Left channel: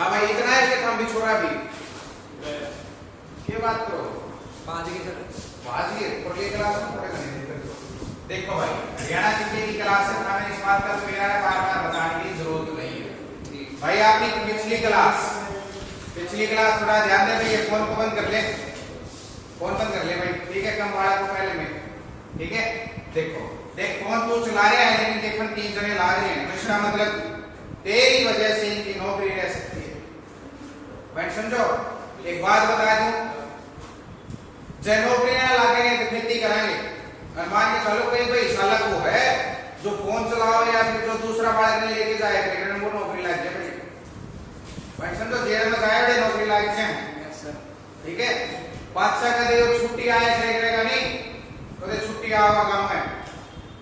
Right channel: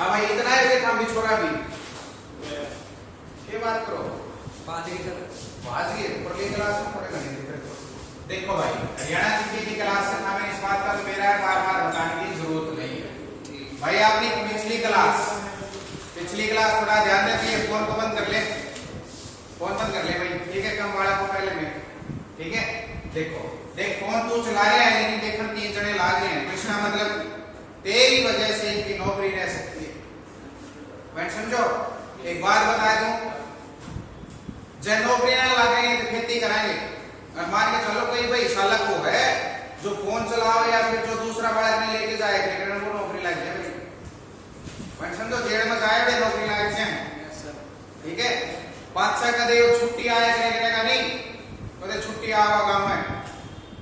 हाँ भाई इतना है कि हम भी छोड़ा भी क्या बात करो बाजी की तरह बाजी पर ये क्लास में पढ़ेगा नहीं देखो भाई हरियाणा जीके की क्लास में हमें इस बात का तो मेरा बार बार बताने की जरूरत नहीं है भाई। आपने पिछली क्लास थोड़ा ध्यान देते ये फोन को बंद कर ले, फोन बंद कर ले भाई, ठीक है। कम वाला को पहले में, ठीक है। देखो देख फोन तू चला रहा है लेकिन देखो 3 जने लाग रहे हैं, तो इसका मतलब तेरी वजह से इनकी नौकरी रह सकती है। पॉइंट समझो। एक बात बता दूं, जब नौकरी ना लगेंगे तो खेती कराएंगे। और मान के चलो कोई भाई सालक वो है जो फोन चलाओ या फिर जो दूसरा बालक ने लेके जाए क्रिकेट में नौकरी लग जाए भाई। पॉइंट समझो। जेल में जाए बड़े नौकरी लग जाए, ठीक है। 5-6 का दे छुट्टी आया करेगा नहीं तो छुट्टी आवा गांव में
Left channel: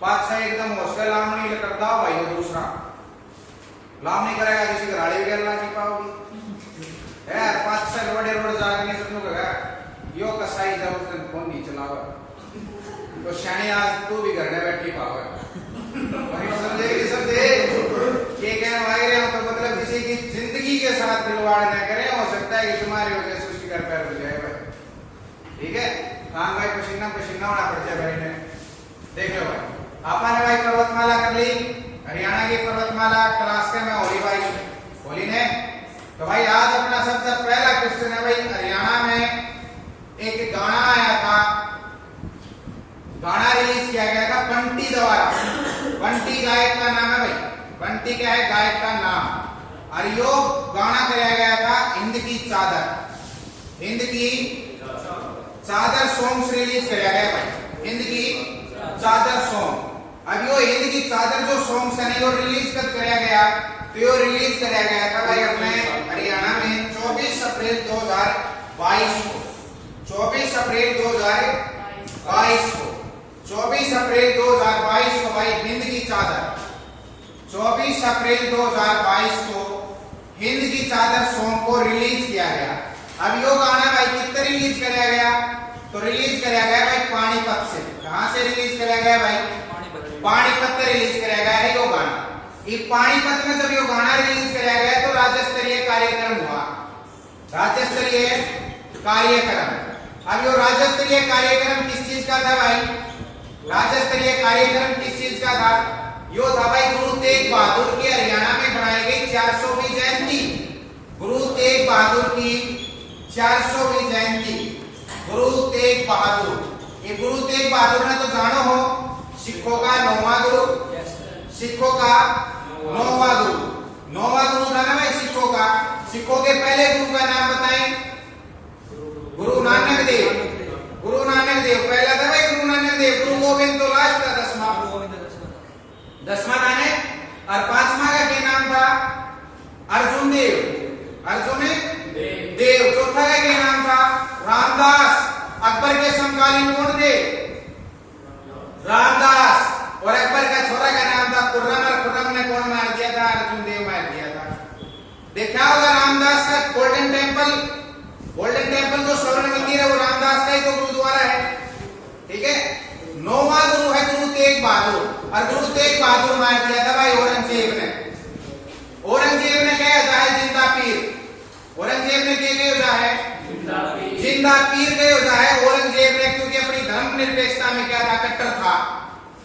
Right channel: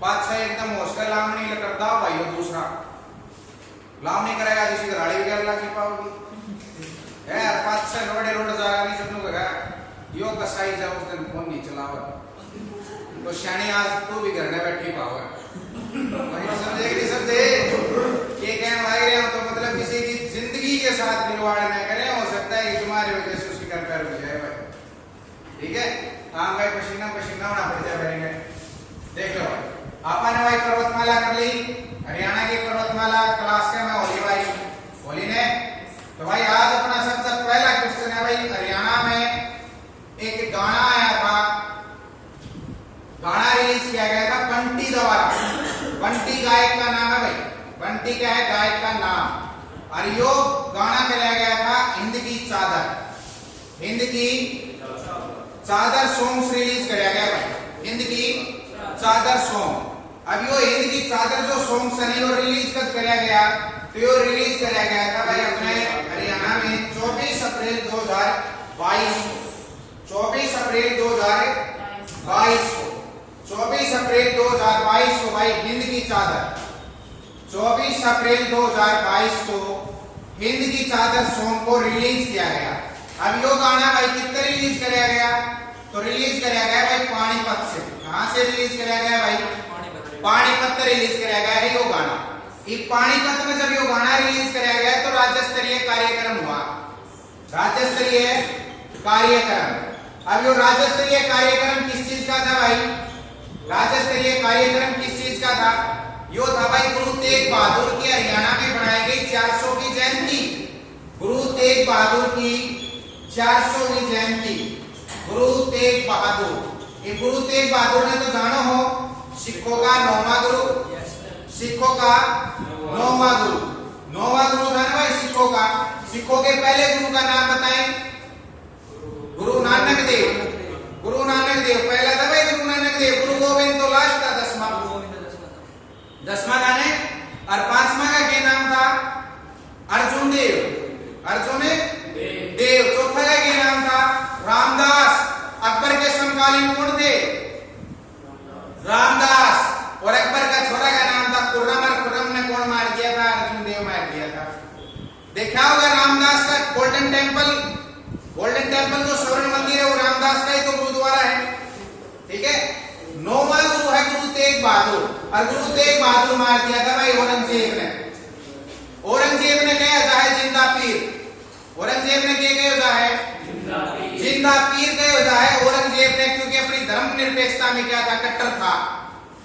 5-6 एकदम हॉस्टल लाम नहीं करता भाई। वो दूसरा लाम नहीं करेगा किसी गाड़ी वगैरह ला नहीं पाओगी यार। 5-6 लोड़े रोड जाएगा नहीं सबनो का यो कसाई जब उसने फोन नहीं चलावा तो शानी आज तू भी घर में बैठी पाओगा। समझे ये कहने वाले हैं तो मतलब किसी की जिंदगी के साथ खिलवाड़ न करें। हो सकता है कि तुम्हारी वजह से उसकी घर पैर हो जाए भाई, ठीक है। काम भाई पसीना होना पड़ जाए भाई ने। देख लो भाई आपा ने भाई पर्वतमाला कर ली, हरियाणा की पर्वतमाला क्लास के में होली भाई होली ने। तो भाई आज अपना सबसे पहला क्वेश्चन है भाई, हरियाणा में एक गाना आया था, गाना रिलीज किया गया था बंटी द्वारा। बंटी गायक का नाम है भाई, बंटी क्या है गायक का नाम। और यो गाना कराया गया था हिंद की चादर, हिंद की चादर सॉन्ग रिलीज कराया गया भाई, हिंद की चादर सॉन्ग। अब यो हिंद की चादर जो सॉन्ग है यो रिलीज कब कराया गया, तो यो रिलीज कराया गया था भाई अपने हरियाणा में 24 अप्रैल 2022 को। 24 अप्रैल 2022 को 24 अप्रैल 2022 को भाई हिंद की चादर 24 अप्रैल 2022 को हिंद की चादर सॉन्ग को रिलीज किया गया। अब यो गाना भाई कितना रिलीज कराया गया, तो रिलीज कराया गया भाई पानीपत से। कहां से रिलीज कराया गया भाई, पानीपत से रिलीज कराया गया है यो गाना। ये पानीपत में जब यो गाना रिलीज कराया गया तो राज्य स्तरीय कार्यक्रम हुआ, राज्य स्तरीय कार्यक्रम। अब यो राज्य स्तरीय कार्यक्रम किस चीज का था भाई, राज्य स्तरीय कार्यक्रम किस चीज का था, यो था भाई गुरु तेग बहादुर की हरियाणा में बनाई गई 400वीं जयंती। गुरु तेग बहादुर की 400वीं जयंती, गुरु तेग बहादुर। ये गुरु तेग बहादुर ने तो जानो हो सिखों का 9वां गुरु, सिखों का 9वां गुरु, 9वां गुरु था ना भाई सिखों का। सिखों के पहले गुरु का नाम बताएं, गुरु नानक देव। गुरु नानक देव पहला था भाई गुरु नानक देव। गुरु गोविंद तो लास्ट था 10वां था ने। और 5वां का क्या नाम था, अर्जुन देव, अर्जुन देव। चौथा का क्या नाम था, रामदास। अकबर के समकालीन कौन थे, रामदास। और अकबर का छोरा का नाम था खुर्रम। और खुर्रम ने कौन मार दिया था, अर्जुन देव मार दिया था। देखा होगा रामदास का गोल्डन टेम्पल, गोल्डन टेम्पल जो स्वर्ण मंदिर है वो रामदास का ही तो गुरुद्वारा है, ठीक है। 9वां गुरु है गुरु तेग बहादुर। और गुरु तेग बहादुर मार दिया था भाई औरंगजेब ने। औरंगजेब ने क्या होता है, जिंदा पीर। औरंगजेब ने क्या होता है, जिंदा पीर क्या होता है औरंगजेब ने, क्योंकि अपनी धर्मनिरपेक्षता में क्या था, कट्टर था।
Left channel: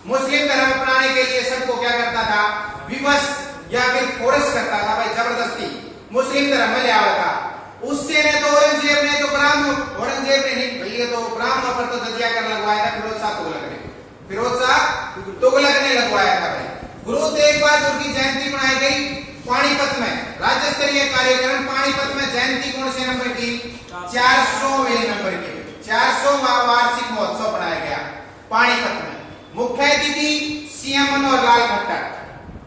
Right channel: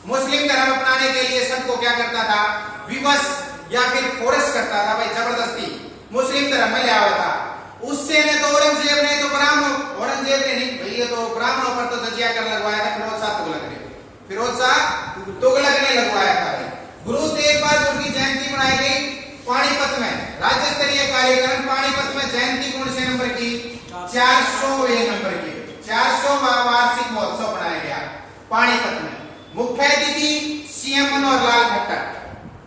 मुस्लिम धर्म अपनाने के लिए सबको क्या करता था, विवश या फिर फोर्स करता था भाई, जबरदस्ती मुस्लिम धर्म में ले आया था। उससे ने तो औरंगजेब ने तो ब्राह्मण, औरंगजेब ने नहीं भैया तो ब्राह्मणों पर तो जजिया कर लगवाया था फिरोज शाह तुगलक ने, फिरोज शाह तुगलक ने लगवाया था भाई। गुरु तेग बहादुर की जयंती मनाई गई पानीपत में, राज्य स्तरीय कार्यक्रम पानीपत में। जयंती कौन से नंबर की, 400वें नंबर की, 400वां वार्षिक महोत्सव मनाया गया पानीपत में। मुख्य अतिथि सीएम मनोहर लाल खट्टर,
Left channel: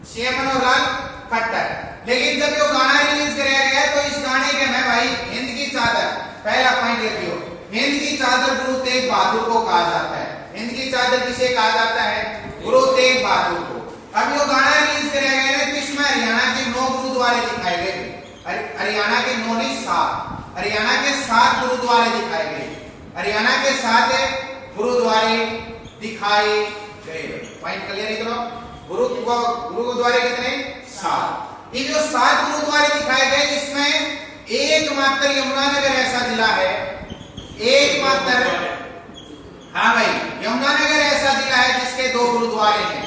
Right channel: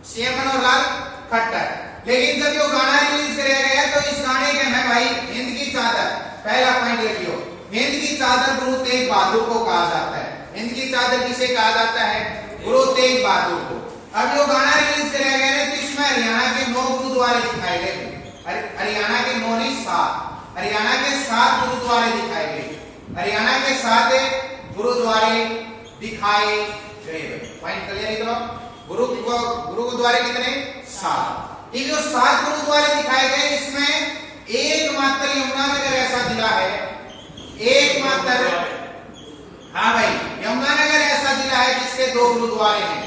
सीएम मनोहर लाल खट्टर। लेकिन जब ये गाना रिलीज कराया गया तो इस गाने के में भाई हिंद की चादर, पहला पॉइंट लिखियो, हिंद की चादर गुरु तेग बहादुर को कहा जाता है। हिंद की चादर किसे कहा जाता है, गुरु तेग बहादुर को। अब ये गाना रिलीज कराया गया तो इसमें हरियाणा के 9 गुरुद्वारे दिखाए गए, हरियाणा के 9 नहीं 7, हरियाणा के 7 गुरुद्वारे दिखाए गए, हरियाणा के 7 गुरुद्वारे दिखाए गए। पॉइंट क्लियर करो। गुरुद्वारे कितने, 7। ये जो 7 गुरुद्वारे दिखाए गए इसमें एकमात्र यमुनानगर ऐसा जिला है, एकमात्र, हाँ भाई, यमुनानगर ऐसा जिला है जिसके 2 गुरुद्वारे हैं।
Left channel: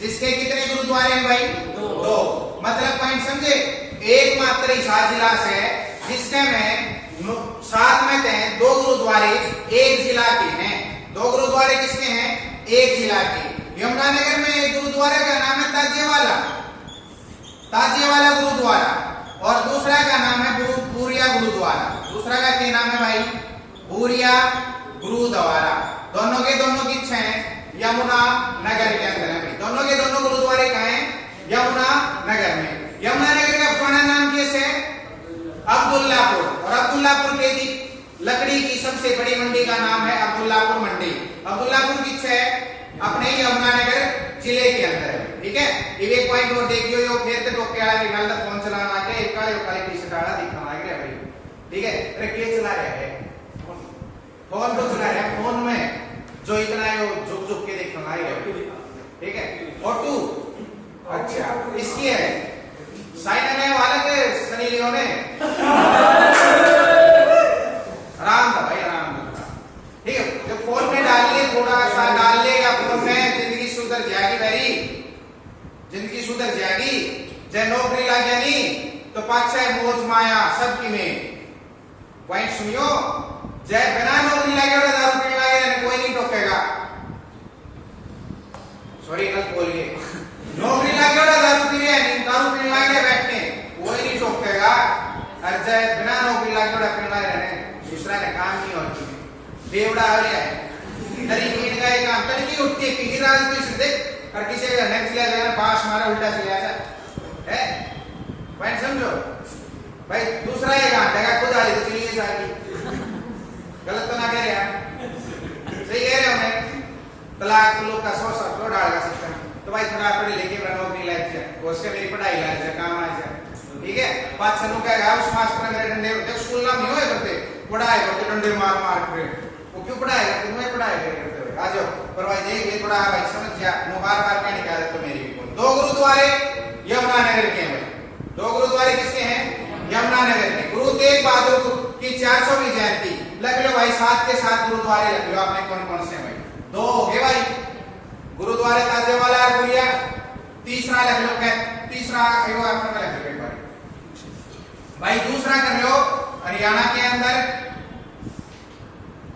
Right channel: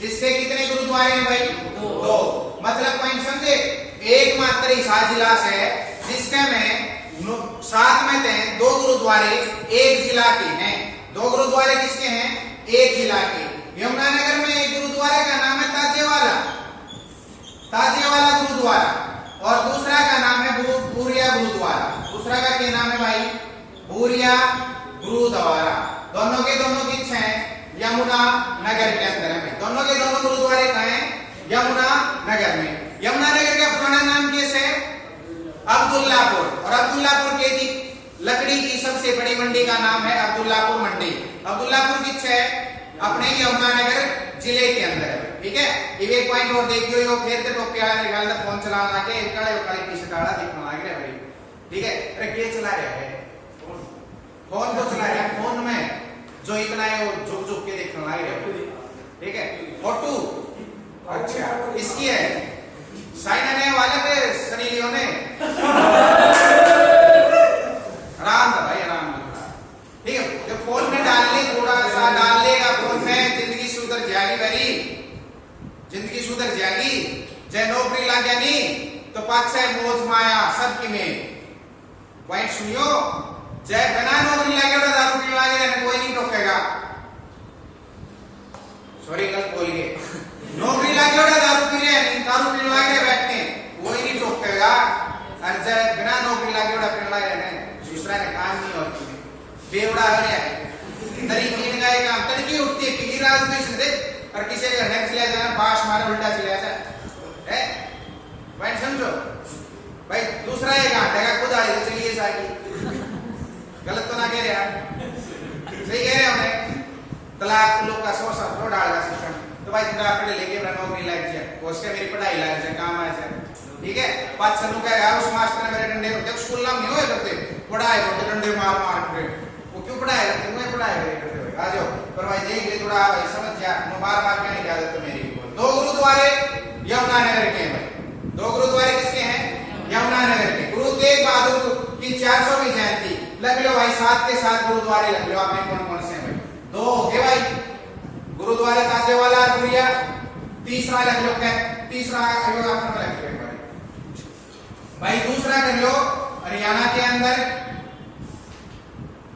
जिसके कितने गुरुद्वारे हैं भाई? 2। मतलब पॉइंट समझे, एकमात्र ऐसा जिला है जिसके में 7 में से 2 गुरुद्वारे एक जिला के हैं। 2 गुरुद्वारे किसके हैं? एक जिला के। यमुनानगर में एक गुरुद्वारे का नाम है ताजियावाला, ताजियावाला गुरुद्वारा, और दूसरा का नाम है बूरिया गुरुद्वारा। दूसरा का क्या नाम है भाई? बूरिया गुरुद्वारा। दोनों के दोनों किस हैं? यमुना नगर के अंदर है भाई। दोनों के दोनों गुरुद्वारे कहाँ हैं? यमुना नगर में। यमुना नगर का पुराना नाम कैसे है? अब्दुल्लापुर। और अब्दुल्लापुर की लकड़ी की सबसे बड़ी मंडी का नाम है अब्दुल्लापुर मंडी। अब्दुल्लापुर किस है? अपने यमुनानगर जिले के अंदर है। ठीक है, एक पॉइंट और देखियो, यो खेत टोके वाला निकाल तक फोन चलाना के काले काले टी-शर्ट वाला दिखा लग रहा है भाई। ठीक है, अरे के चला रहा है? फोन तो चला रहा है, फोन में जो इतना है वो झुक झुक के देखने लग रहा है। ठीक है, फोटो अच्छा इसकी है, साइन आने वाले के सनी लियोन ने आराम था भाई, आराम था। ठीक है, जब फोन में डाल ले, थोड़ा सा डाल लेगा फोन में, जिंदगी सुधर जाएगी भाई, जिंदगी सुधर जाएगी। जय नौकरी लागे नहीं तो पाछे मोज माया सबकी में। पॉइंट सुनियो, जय बिना नौकरी लागे और दारू पीने लागे कोई नहीं टोकेगा। सॉरी गलत बोल गए, नौकरी लागे और दारू पीने लागे बैठने कोई नहीं टोकेगा। और जय बिना नौकरी लागे और पीने लागे दूसरा ने काम नहीं होती बेवड़ा हो रहा है। तरीके का एक काम तरीके उठती है किसी राज में से देख, और किसी का नेक्स्ट ले जाना पास मारा उल्टा चला जाए है। पॉइंट समझो भाई, दूसरा एक घंटे का खुद आई तो चलिए जाएगी, गलत तो ना कह रहे हैं, सही कह रहे हैं उन्हें। तलाक लोग का 100 सब तो डालेगा सिस्टम, तो भाई थोड़ा पढ़े लिखे नौकरी लाइक जाए, उसके मेरी पढ़ाई लाइक जाए, काम आ जाए। ठीक है, 5 सालों का है उस मास्टर ने मेरे डंडे जब स्कूल ना नहीं हुए करते पढ़ाए होते डंडे मार मार के, वो क्यों पढ़ाए करते? मुझे पढ़ाए करते आ जाओ। पर भाई देख ले थोड़ा भाई समझ जा, नो बार-बार क्या निकाल तो मेरी भी बोल। 2 गुरुद्वारे यमुनानगर के हैं भाई, 2 गुरुद्वारे किसके हैं? यमुनानगर के। गुरु तेग बहादुर की 400वीं जयंती लग लो भाई, 7 के 7 गुरुद्वारे लग लो आपने। कौन कौन से भाई? 2 है भाई, गुरुद्वारे ताजियावाला और बूरिया। तीसरा लग लो, तीसरा लग लो भाई। दूसरा कर लो हरियाणा के अंदर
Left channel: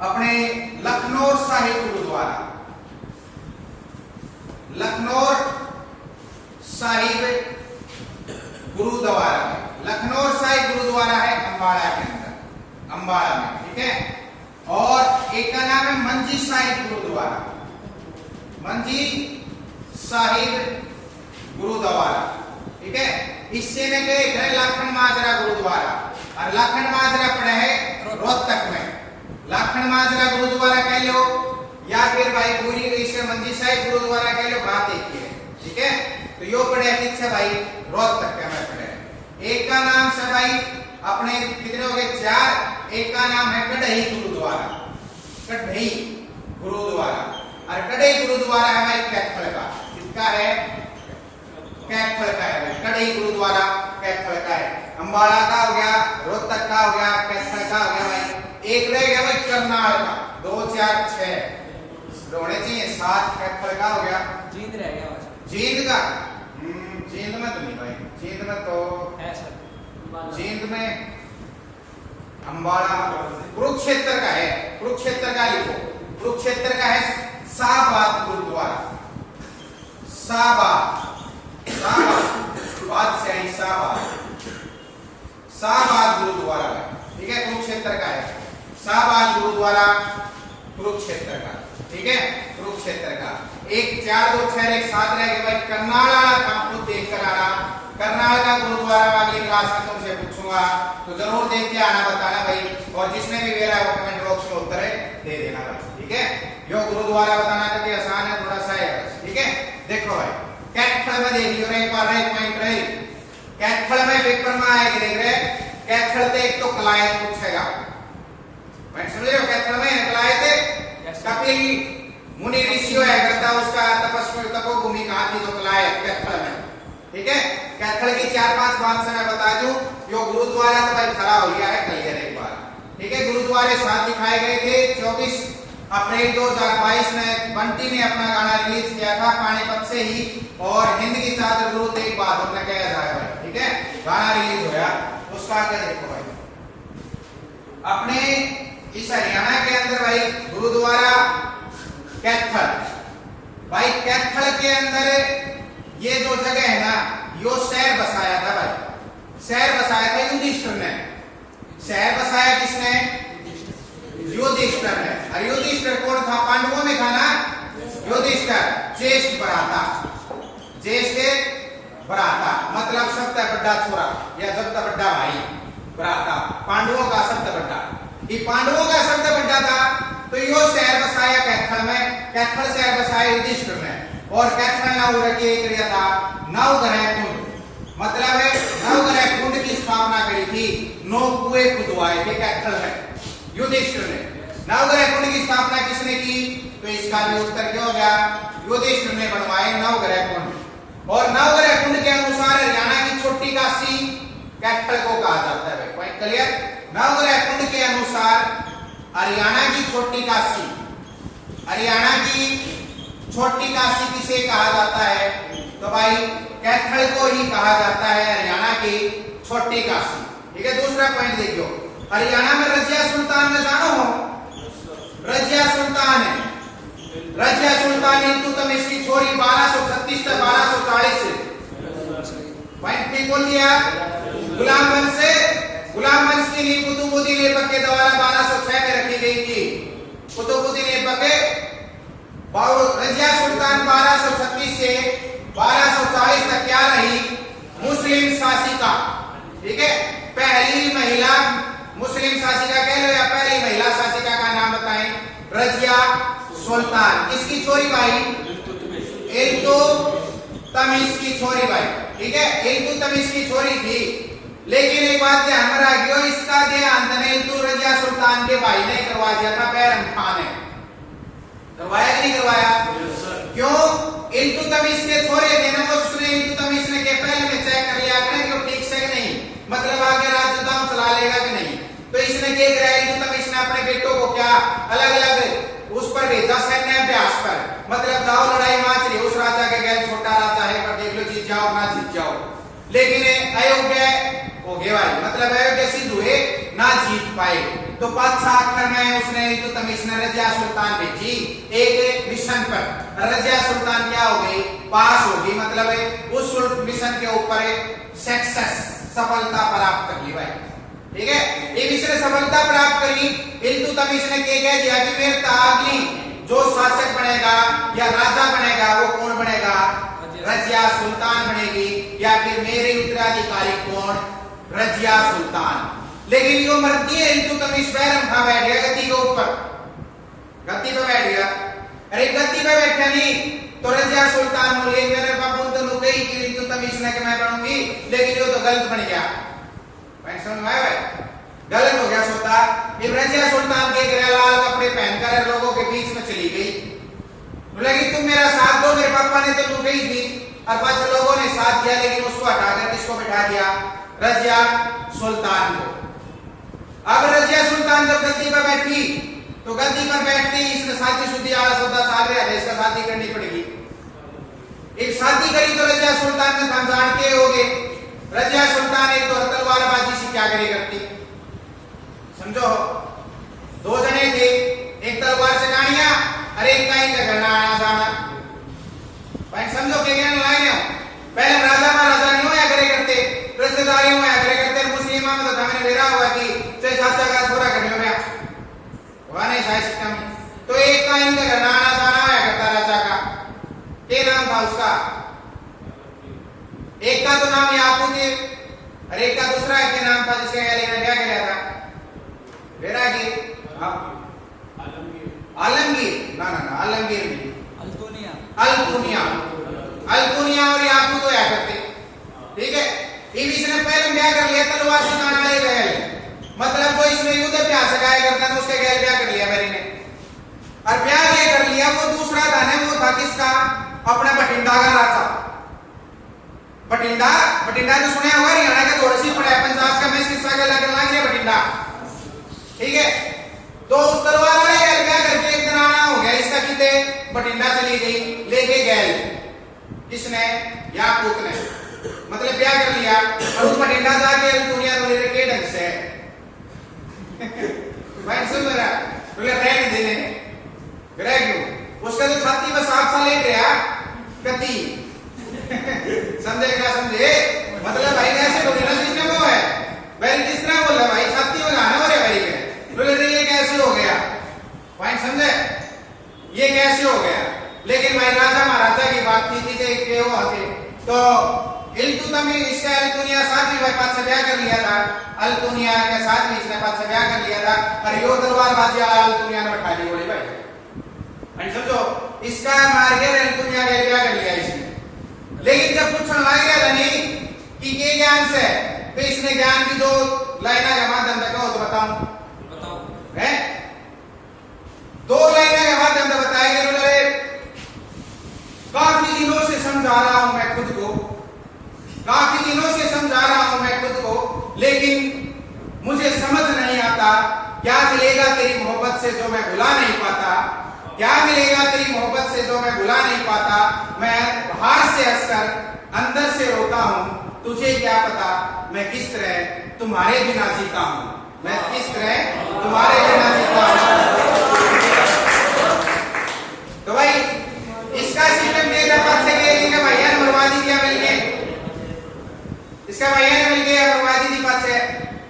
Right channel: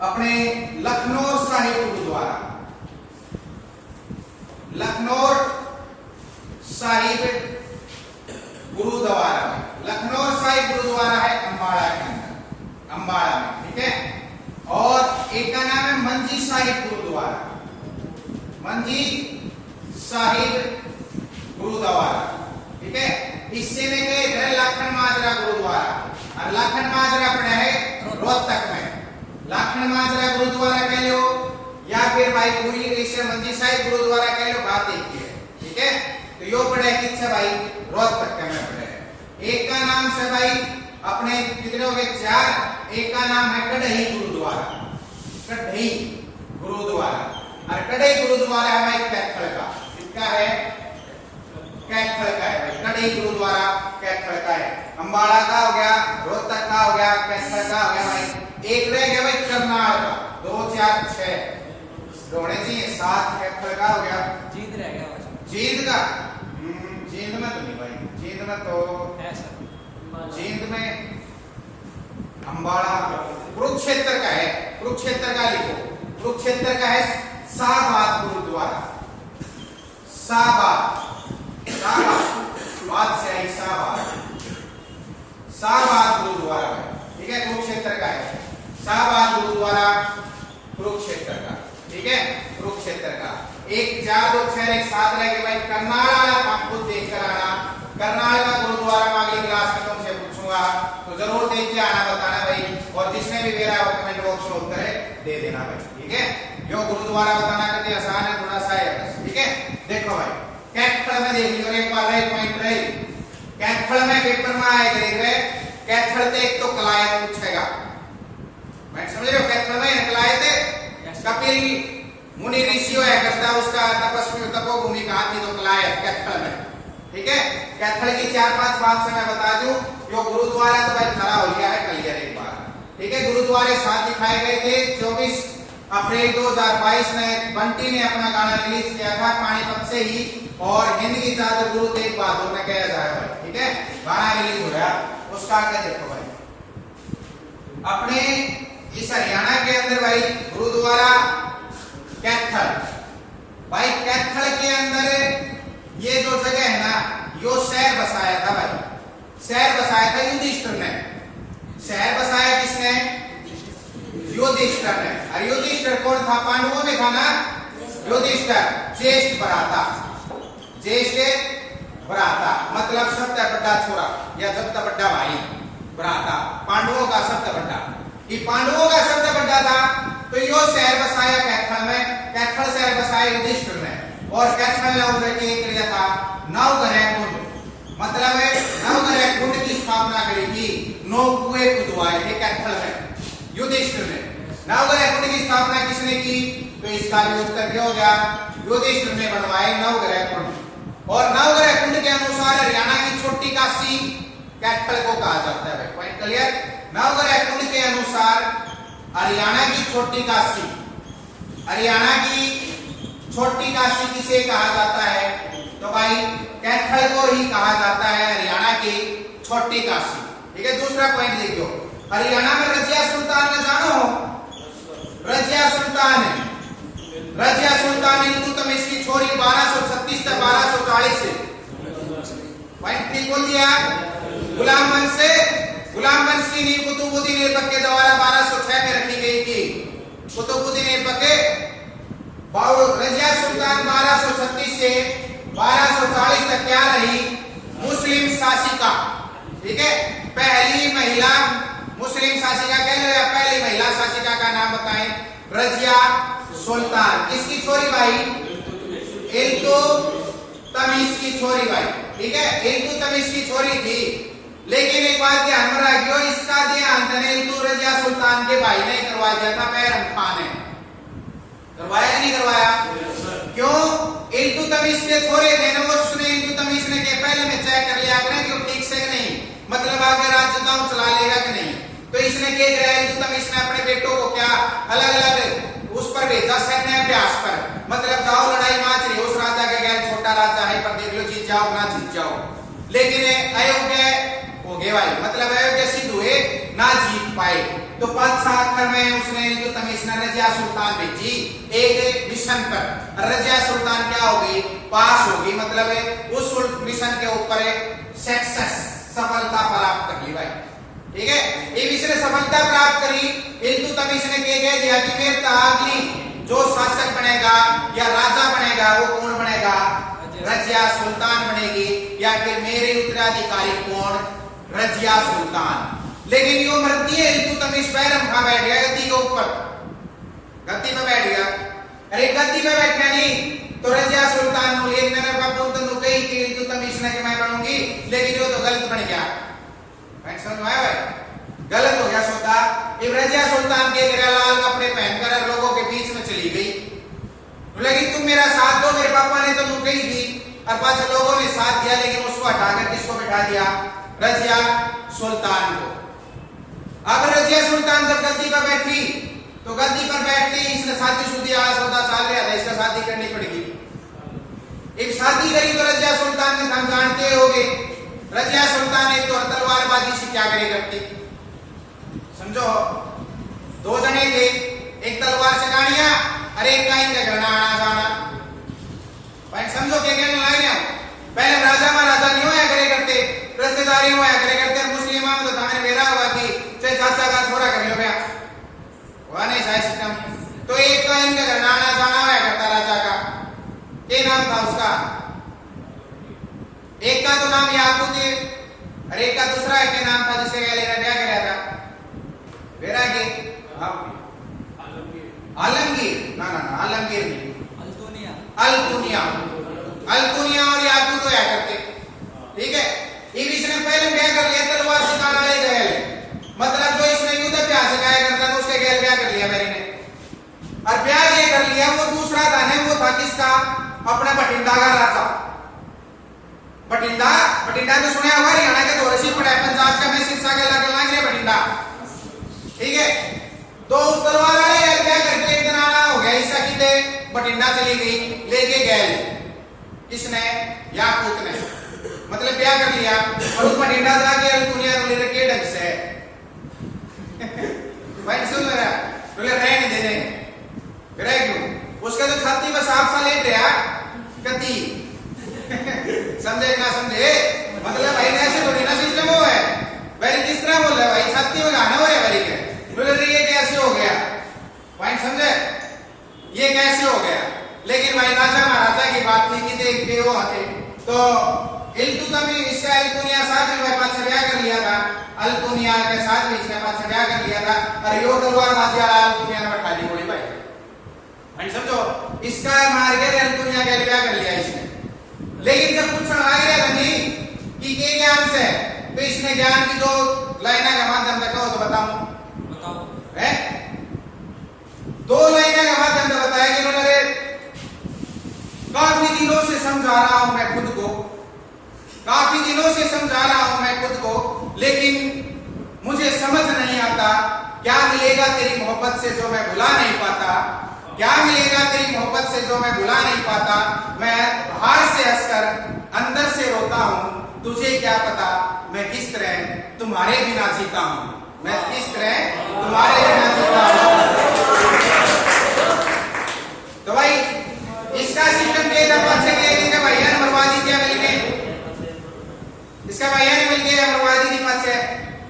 अपने लखनऊ साहिब गुरुद्वारा, लखनऊ साहिब गुरुद्वारा। लखनऊ साहिब गुरुद्वारा है अंबाला के अंदर, अंबाला में। ठीक है, और एक का नाम है मंजी साहिब गुरुद्वारा, मंजी साहिब गुरुद्वारा। ठीक है, इससे में एक है लाखन माजरा गुरुद्वारा, और लाखन माजरा पड़े है रोहतक में। लाखन माजरा गुरुद्वारा कह लो या फिर भाई पूरी इसे मंजी साहिब गुरुद्वारा कह लो, बात एक ही है। ठीक है, तो यो पड़े है किससे भाई? रोहतक के में पड़े है। एक का नाम से भाई अपने कितने हो गए? 4। एक का नाम है कढ़ई गुरुद्वारा, कढ़ई गुरुद्वारा। और कढ़ई गुरुद्वारा है भाई कैथल का, किसका है? कैथल का है भाई, कढ़ई गुरुद्वारा कैथल का है। अंबाला का हो गया, रोहतक का हो गया, कैथल का हो गया भाई। एक रह गया भाई करनाल का, 2 4 6 होने चाहिए, 7 कैथल का हो गया। जींद रह गया, जींद का जींद में तो नहीं भाई, जींद में तो है सर, जींद में अंबाला। कुरुक्षेत्र का है, कुरुक्षेत्र का लिखो, कुरुक्षेत्र का है शाहबाद गुरुद्वारा, शाहबाद, शाहबाद से आई शाहबाद, शाहबाद गुरुद्वारा है। ठीक है, कुरुक्षेत्र का है शाहबाद गुरुद्वारा, कुरुक्षेत्र का। ठीक है, कुरुक्षेत्र का। एक 4 2 6 एक 7 रह गए भाई। करनाल वाला काम खुद देख कर आना, करनाल का गुरुद्वारा में अगली क्लास में तुमसे पूछूंगा, तो जरूर देख के आना, बताना भाई। और जिसने भी मेरा कमेंट बॉक्स में उत्तर है दे देना भाई। ठीक है, जो गुरुद्वारा बताना करके आसान है, थोड़ा सा है। ठीक है, देखो भाई कैथल में देख लियो, एक बार एक पॉइंट रही कैथल में पेपर में आए देख रहे, कैथल से एक तो कलायत पूछेगा, मैं समझ रहे हो? कैथल में कलायत कपिल मुनि ऋषि है करता, उसका तपस्वी तपोभूमि कहाँ थी? तो कलायत कैथल में। ठीक है। कैथल की 4-5 बात से मैं बता दूं, जो गुरुद्वारा तो भाई खड़ा हो गया है क्लियर एक बार, ठीक है। गुरुद्वारे 7 दिखाए गए थे। 24 अप्रैल 2022 में बंटी ने अपना गाना रिलीज किया था पानीपत से ही, और हिंद की चादर गुरु तेग बहादुर ने कहा जाए भाई, ठीक है। गाना रिलीज हो गया, उसका क्या देखो भाई, अपने इस हरियाणा के अंदर भाई गुरुद्वारा कैथल, भाई कैथल के अंदर ये जो जगह है ना, यो शहर बसाया था भाई, शहर बसाया था युधिष्ठिर ने। शहर बसाया किसने? युधिष्ठिर ने। और युधिष्ठिर कौन था? पांडवों में था ना युधिष्ठिर, ज्येष्ठ भ्राता, ज्येष्ठ भ्राता मतलब सबसे बड़ा छोरा या सबसे बड़ा भाई, भ्राता पांडवों का सबसे बड़ा। ये पांडवों का सबसे बड़ा था, तो यो शहर बसाया कैथल में। कैथल शहर बसाया युधिष्ठिर ने, और कैथल ने किया था नवग्रह कुंड, मतलब है नवग्रह कुंड की स्थापना करी थी। 9 कुएं खुदवाए थे कैथल में युधिष्ठिर ने। नवग्रह कुंड की स्थापना किसने की? तो इसका भी उत्तर क्या हो गया? युधिष्ठिर ने बनवाए नवग्रह कुंड। और नवग्रह कुंड के अनुसार हरियाणा की छोटी काशी कैथल को कहा जाता है। Point clear? नवग्रह कुंड के अनुसार हरियाणा की छोटी काशी, हरियाणा की छोटी काशी किसे कहा जाता है? तो भाई कैथल को ही कहा जाता है हरियाणा की छोटी काशी, ठीक है। दूसरा पॉइंट देखियो, हरियाणा में रजिया सुल्तान ने जानो हो? रजिया सुल्तान है, रजिया सुल्तान इल्तुतमिश की छोरी 1236 से 1240 से। पॉइंट ठीक बोल दिया। गुलाम वंश की नींव कुतुबुद्दीन ऐबक के द्वारा 1206 में रखी गई थी। कुतुबुद्दीन ऐबक के रजिया सुल्तान 1236 से 1240 तक क्या रही? मुस्लिम शासिका, ठीक है। पहली महिला मुस्लिम शासिका कह लो, या पहली महिला शासिका का नाम बताएं? रजिया सुल्तान। किसकी छोरी भाई? इल्तुतमिश की छोरी भाई, ठीक है। इल्तुतमिश की छोरी थी, लेकिन एक बात ध्यान में रखियो, इसका देहांत ने रजिया सुल्तान के भाई ने करवा दिया था, बैरम खान ने। करवाया कि नहीं करवाया? क्यों? इल्तुतमिश के छोरे थे ना, वो उसने इल्तुतमिश ने के पहले में चेक कर लिया कि वो ठीक से नहीं, मतलब आगे राज्य दाम चला लेगा कि नहीं। तो इसने क्या किया? इल्तुतमिश ने अपने बेटों को क्या अलग अलग उस पर भेजा सैन्य अभ्यास पर, मतलब जाओ लड़ाई माच रही उस राजा के गैर छोटा राजा है, पर देख लो जीत जाओ ना जीत जाओ। लेकिन अयोग्य हो गए भाई, मतलब अयोग्य सिद्ध हुए, ना जीत पाए। तो 5-7 में उसने इल्तुतमिश ने रजिया सुल्तान भेजी एक मिशन पर। रजिया सुल्तान क्या हो गई? पास हो गई, मतलब उस मिशन के ऊपर सक्सेस, सफलता प्राप्त कर ली भाई, ठीक है। ये मिशन सफलता प्राप्त करी। इल्तुतमिश ने कह दिया कि मेरे अगली जो शासक बनेगा या राजा बनेगा वो कौन बनेगा? रजिया सुल्तान बनेगी, या फिर मेरे उत्तराधिकारी कौन? रजिया सुल्तान। लेकिन यो मरती है इल्तुतमिश बैरम खा बैठ गया गद्दी के ऊपर, गद्दी पे बैठ गया। अरे गद्दी पे बैठा नहीं तो रजिया सुल्तान बोले मेरे बापू तो नुके ही कि इल्तुतमिश ने कि मैं बनूंगी, लेकिन यो तो गलत बन गया। पॉइंट समझ में आया? गलत हो गया सौदा। ये रजिया सुल्तान के लाल कपड़े पहनकर लोगों के बीच में चली गई, बोला कि तुम मेरा साथ दो, मेरे पापा ने तो नुके ही थी, और पांच लोगों ने साथ दिया, लेकिन उसको हटाकर किसको बिठा दिया? रजिया सुल्तान को। अब रजिया सुल्तान जब गद्दी पर बैठी, तो गद्दी पर बैठते ही इसने शादी शुद्धि सौदा चाल रहा है, इसका शादी करनी पड़ेगी। एक शादी करी तो रजिया सुल्तान ने, हम जानते होंगे रजिया सुल्तान एक तो तलवारबाजी से क्या करे करती, समझो। 2 जने थे, एक तलवार से गाड़ियां और एक का इनका घरना आना जाना। समझो क्या कहने लगे? पहले राजा महाराजा नहीं होया करे करते, रिश्तेदारी होया करे करते, मुस्लिम में तो हमें बेरा हुआ कि चाहे चाचा का छोरा कर लो ब्याह, वह नहीं था सिस्टम। तो एक का इनका घरना आना जाना होया करता राजा का, क्या नाम था उसका? एक का तो नाम याकूब है, और एक का दूसरा है क्या नाम था जिसके क्या कराया था? बेरा के आलमगीर, ना ना ना आलमगीर नहीं, अल्तुनिया और याकूब तो या करते, ठीक है। इसने पहले ब्याह कर लिया, तलवार से काट ले गए, मतलब जो इसने युद्ध अभ्यास सिखाया करता था उसके गैर ब्याह कर लिया मेरे ने, और ब्याह ये कर लिया। वो दूसरा धन है, वो था किसका? अपना बठिंडा का राजा, बठिंडा बठिंडा तो सुने होगा, हरियाणा के दौरे से पड़ा है, पंजाब का मैं शीर्षा के लाके लाग गया बठिंडा, ठीक है। तो उस तलवार वाले यार क्या करके एक दिन आना हो गया इसका, किते बठिंडा चली गई, लेके गैल किसने, याकूत ने, मतलब क्या कर लिया, और उस बठिंडा जाके दुनिया को ले रखे ढंग से भाई सुन मेरा बोले रह नहीं देने, रह क्यों, उसका तो छाती में साफ सा लेट रहा कति समझे ना समझे, मतलब भाई ने ऐसे थोड़ी ना सिस्टम हो है भाई, किस तरह बोल रहा भाई, छाती में गाने हो रहे भाई के, बोले ये कैसे हो गया, पॉइंट समझे, ये कैसे हो गया। लेकिन भाई राजा महाराजा की बात थी कि वो आते तो इल्तुतमिश इसका अल्कुनिया साथ भी भाई पास ब्याह कर लिया था, अल्कुनिया के साथ भी इसने पास ब्याह कर लिया था, और यो तलवार बाजी वाला अल्कुनिया ने बैठा दी बोली भाई, समझो इसका मार के अल्कुनिया के ब्याह कर लिया इसने। लेकिन जब पूछने लग गया था नहीं कि ये ज्ञान से, तो इसने ज्ञान की दो लाइना के माध्यम से कहो तो बताओ है, दो लाइना के माध्यम से बताया कि उन्होंने काफी दिनों से समझा रहा हूं मैं खुद को, काफी दिनों से समझा रहा हूं मैं खुद को, लेकिन मुझे समझ नहीं आता क्या मिलेगा तेरी मोहब्बत से जो मैं भुला नहीं पाता, क्या मिलेगा तेरी मोहब्बत से जो मैं भुला नहीं पाता, मैं बाहर से हंसकर अंदर से रोता हूं, तुझे क्या पता मैं किस तरह तुम्हारे बिना जीता हूं, मैं किस तरह तुम्हारे बिना जीता हूं। तो भाई इसका सिस्टम के भैया ने बर्बादी किया मिलके, इसका भैया ने मिलके बर्बादी की बात है।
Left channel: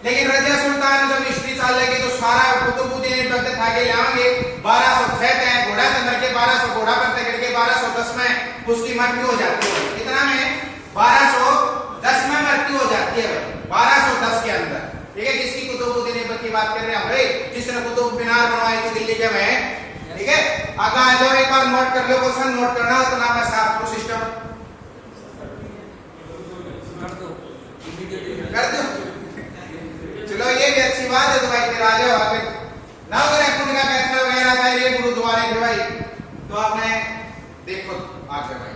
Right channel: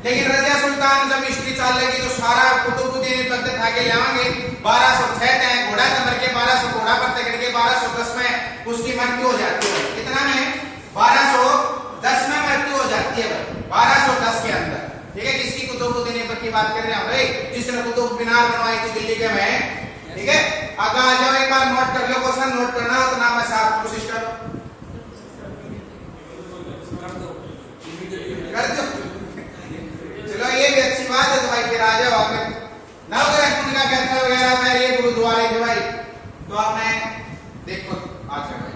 लेकिन रजिया सुल्तान जब हिस्ट्री चल लगी तो सारा कुतुबुद्दीन वक्त खा के लाएंगे 1206 टैंक घोड़ा तमर के 1200 घोड़ा पर तगड़ के 1210 में उसकी मृत्यु हो जाती है, कितना में 1210 में मृत्यु हो जाती है भाई, 1210 के अंदर, ठीक है। किसकी कुतुबुद्दीन ऐबक की बात कर रहे हैं भाई, जिसने कुतुब मीनार बनवाई थी दिल्ली के में, ठीक है। आगे आ जाओ, एक बार नोट कर लो, क्वेश्चन नोट करना हो तो नाम है साहब को सिस्टम कर दो, चलो ये भी अच्छी बात है। तो भाई फिर आ जाओ आगे, नवग्रह कुंड का कहता वगैरह भाई, ये गुरुद्वारे के भाई, तो आपने देखो आगे भाई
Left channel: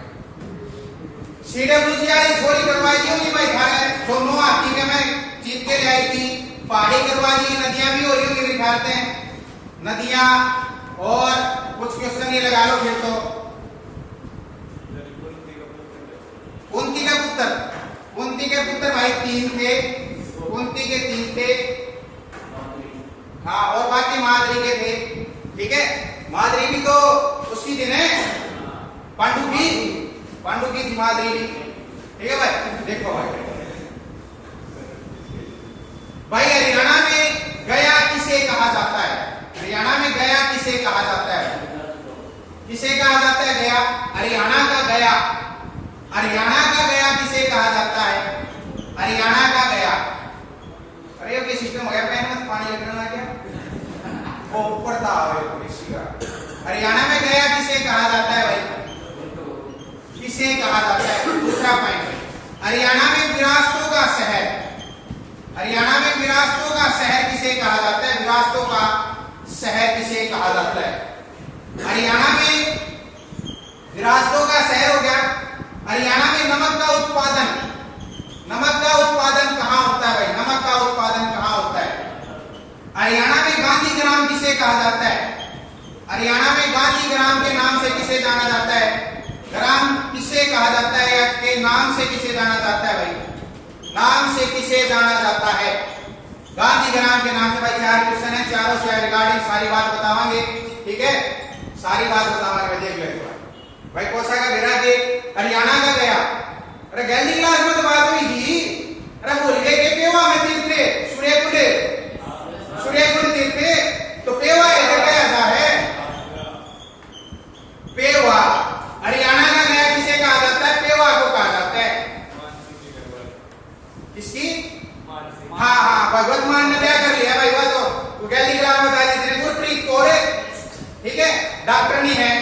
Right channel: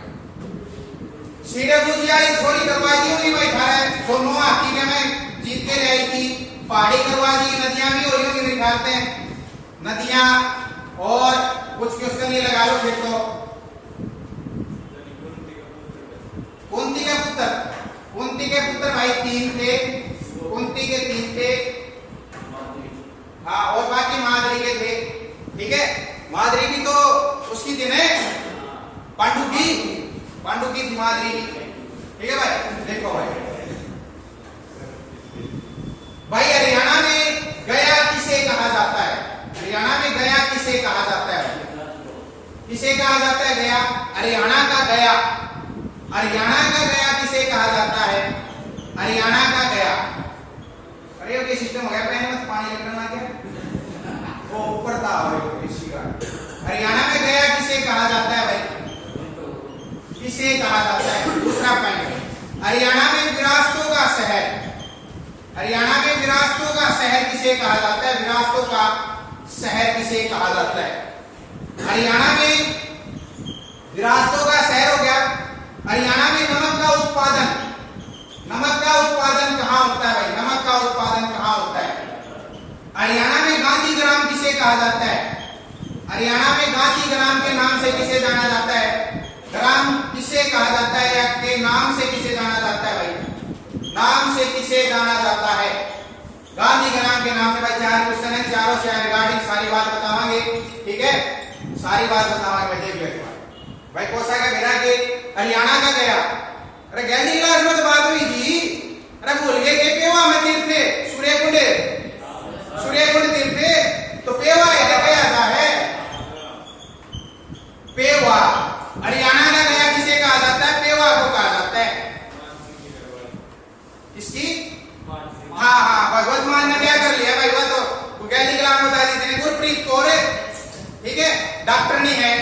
सीडब्ल्यूजी आई छोरी करवाई थी होगी भाई, खाए दोनों हाथी के में जीत के ले आई थी, पहाड़ी करवा दी, नदियां भी हो रही होगी दिखाते हैं नदियां, और कुछ क्वेश्चन ये लगा लो फिर तो, कुंती के पुत्र भाई 3 थे, कुंती के 3 थे, हाँ, और बाकी माद्री के थे, ठीक है। माद्री भी तो उसकी थी ना, पांडु की थी माद्री भी, ठीक है भाई। देखो भाई हरियाणा में गया किसे कहा जाता है, हरियाणा में गया किसे कहा जाता है, किसे कहा जाता है गया, हरियाणा का गया, हरियाणा का गया किसे कहा जाता है, हरियाणा का गया। अरे ये सिस्टम हो गया, पहले मत पानी लगना क्या, वो ऊपर था इसी का। हरियाणा में गया किसे कहा जाता है भाई, किसे कहा जाता है। दूसरा पॉइंट, हरियाणा में विरासतों का शहर, हरियाणा में विरासतों का शहर किसे कहा जाता है, विरासतों का शहर किसे कहा जाता है। हरियाणा में विरासतों का शहर हो गया। हरियाणा में नमक का उत्पादन कहां होता है भाई, नमक का उत्पादन कहां होता है। हरियाणा में गांधी ग्राम किसे कहा जाता है, हरियाणा में गांधी ग्राम के नाम से किसे जाना जाता है, ग्राम किसे कहा जाता है, या के नाम से किसे जाना जाता है भाई, नाम से किसे जाना जाता है, गांधी ग्राम के नाम से। भाई 4 क्वेश्चन है, चारों से रिगार्डिंग सारी बात बतावांगे, ठीक है, सारी बात बतावांगे, देख लो भाई। कोसा का बेरा के हरियाणा का गया, अरे गैंडी क्लास में तो बात हुई थी, अरे बोल गए के पेवा में तीर्थ थे, सूर्यकुंड तीर्थ, तो पेवा है गया था है, पेवा हरियाणा का गया किसे कहा जाता है, पेवा को कहा जाता है, किसकी, हाँ भगवत मान ने क्या कर लिया भाई, वो तो गैंडी क्लास में बता दी गुरप्रीत कौर, ठीक है, डॉक्टर नहीं है,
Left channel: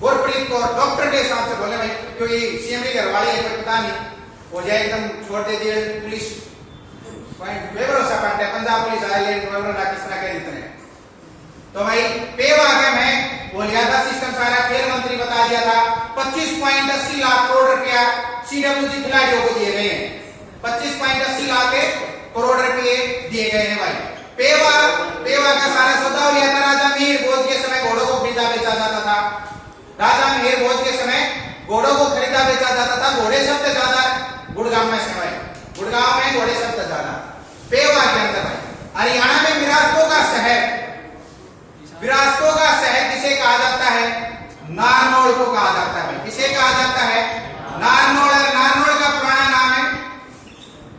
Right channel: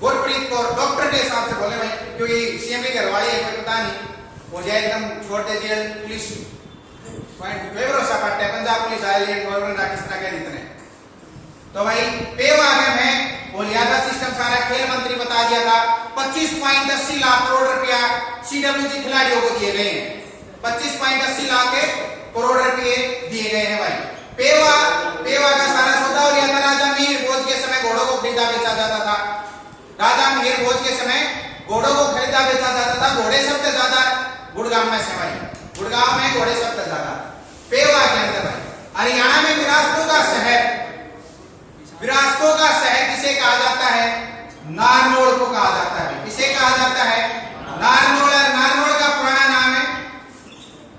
गुरप्रीत कौर डॉक्टर के हिसाब से बोले भाई, क्योंकि सीएम की घरवाली है, पता नहीं हो जाए एकदम छोड़ दे दिया पुलिस भरोसा पड़ता है, पंजाब पुलिस आइलैंड किस तरह के इतने। तो भाई पेव आगे में वो लिया था सिस्टम, सारा खेल मंत्री बता दिया था, 25.80 लाख करोड़ रुपया CWG खिलाड़ियों को दिए गए हैं। 25.80 लाख करोड़ रुपए दिए गए हैं भाई। पेवा का सारा सौदा हो लिया था। राजा मीर भोज के समय घोड़ों को खरीदा बेचा जाता था। राजा मीर भोज के समय घोड़ों को खरीदा बेचा जाता था। घोड़े सबसे ज्यादा गुड़गांव में से भाई, गुड़गांव में घोड़े सबसे ज्यादा। पेवा के अंदर भाई हरियाणा में विरासतों का शहर किसे कहा जाता है? नारनौल को कहा जाता है। किसे कहा जाता है? नारनौल। और नारनौल का पुराना नाम है,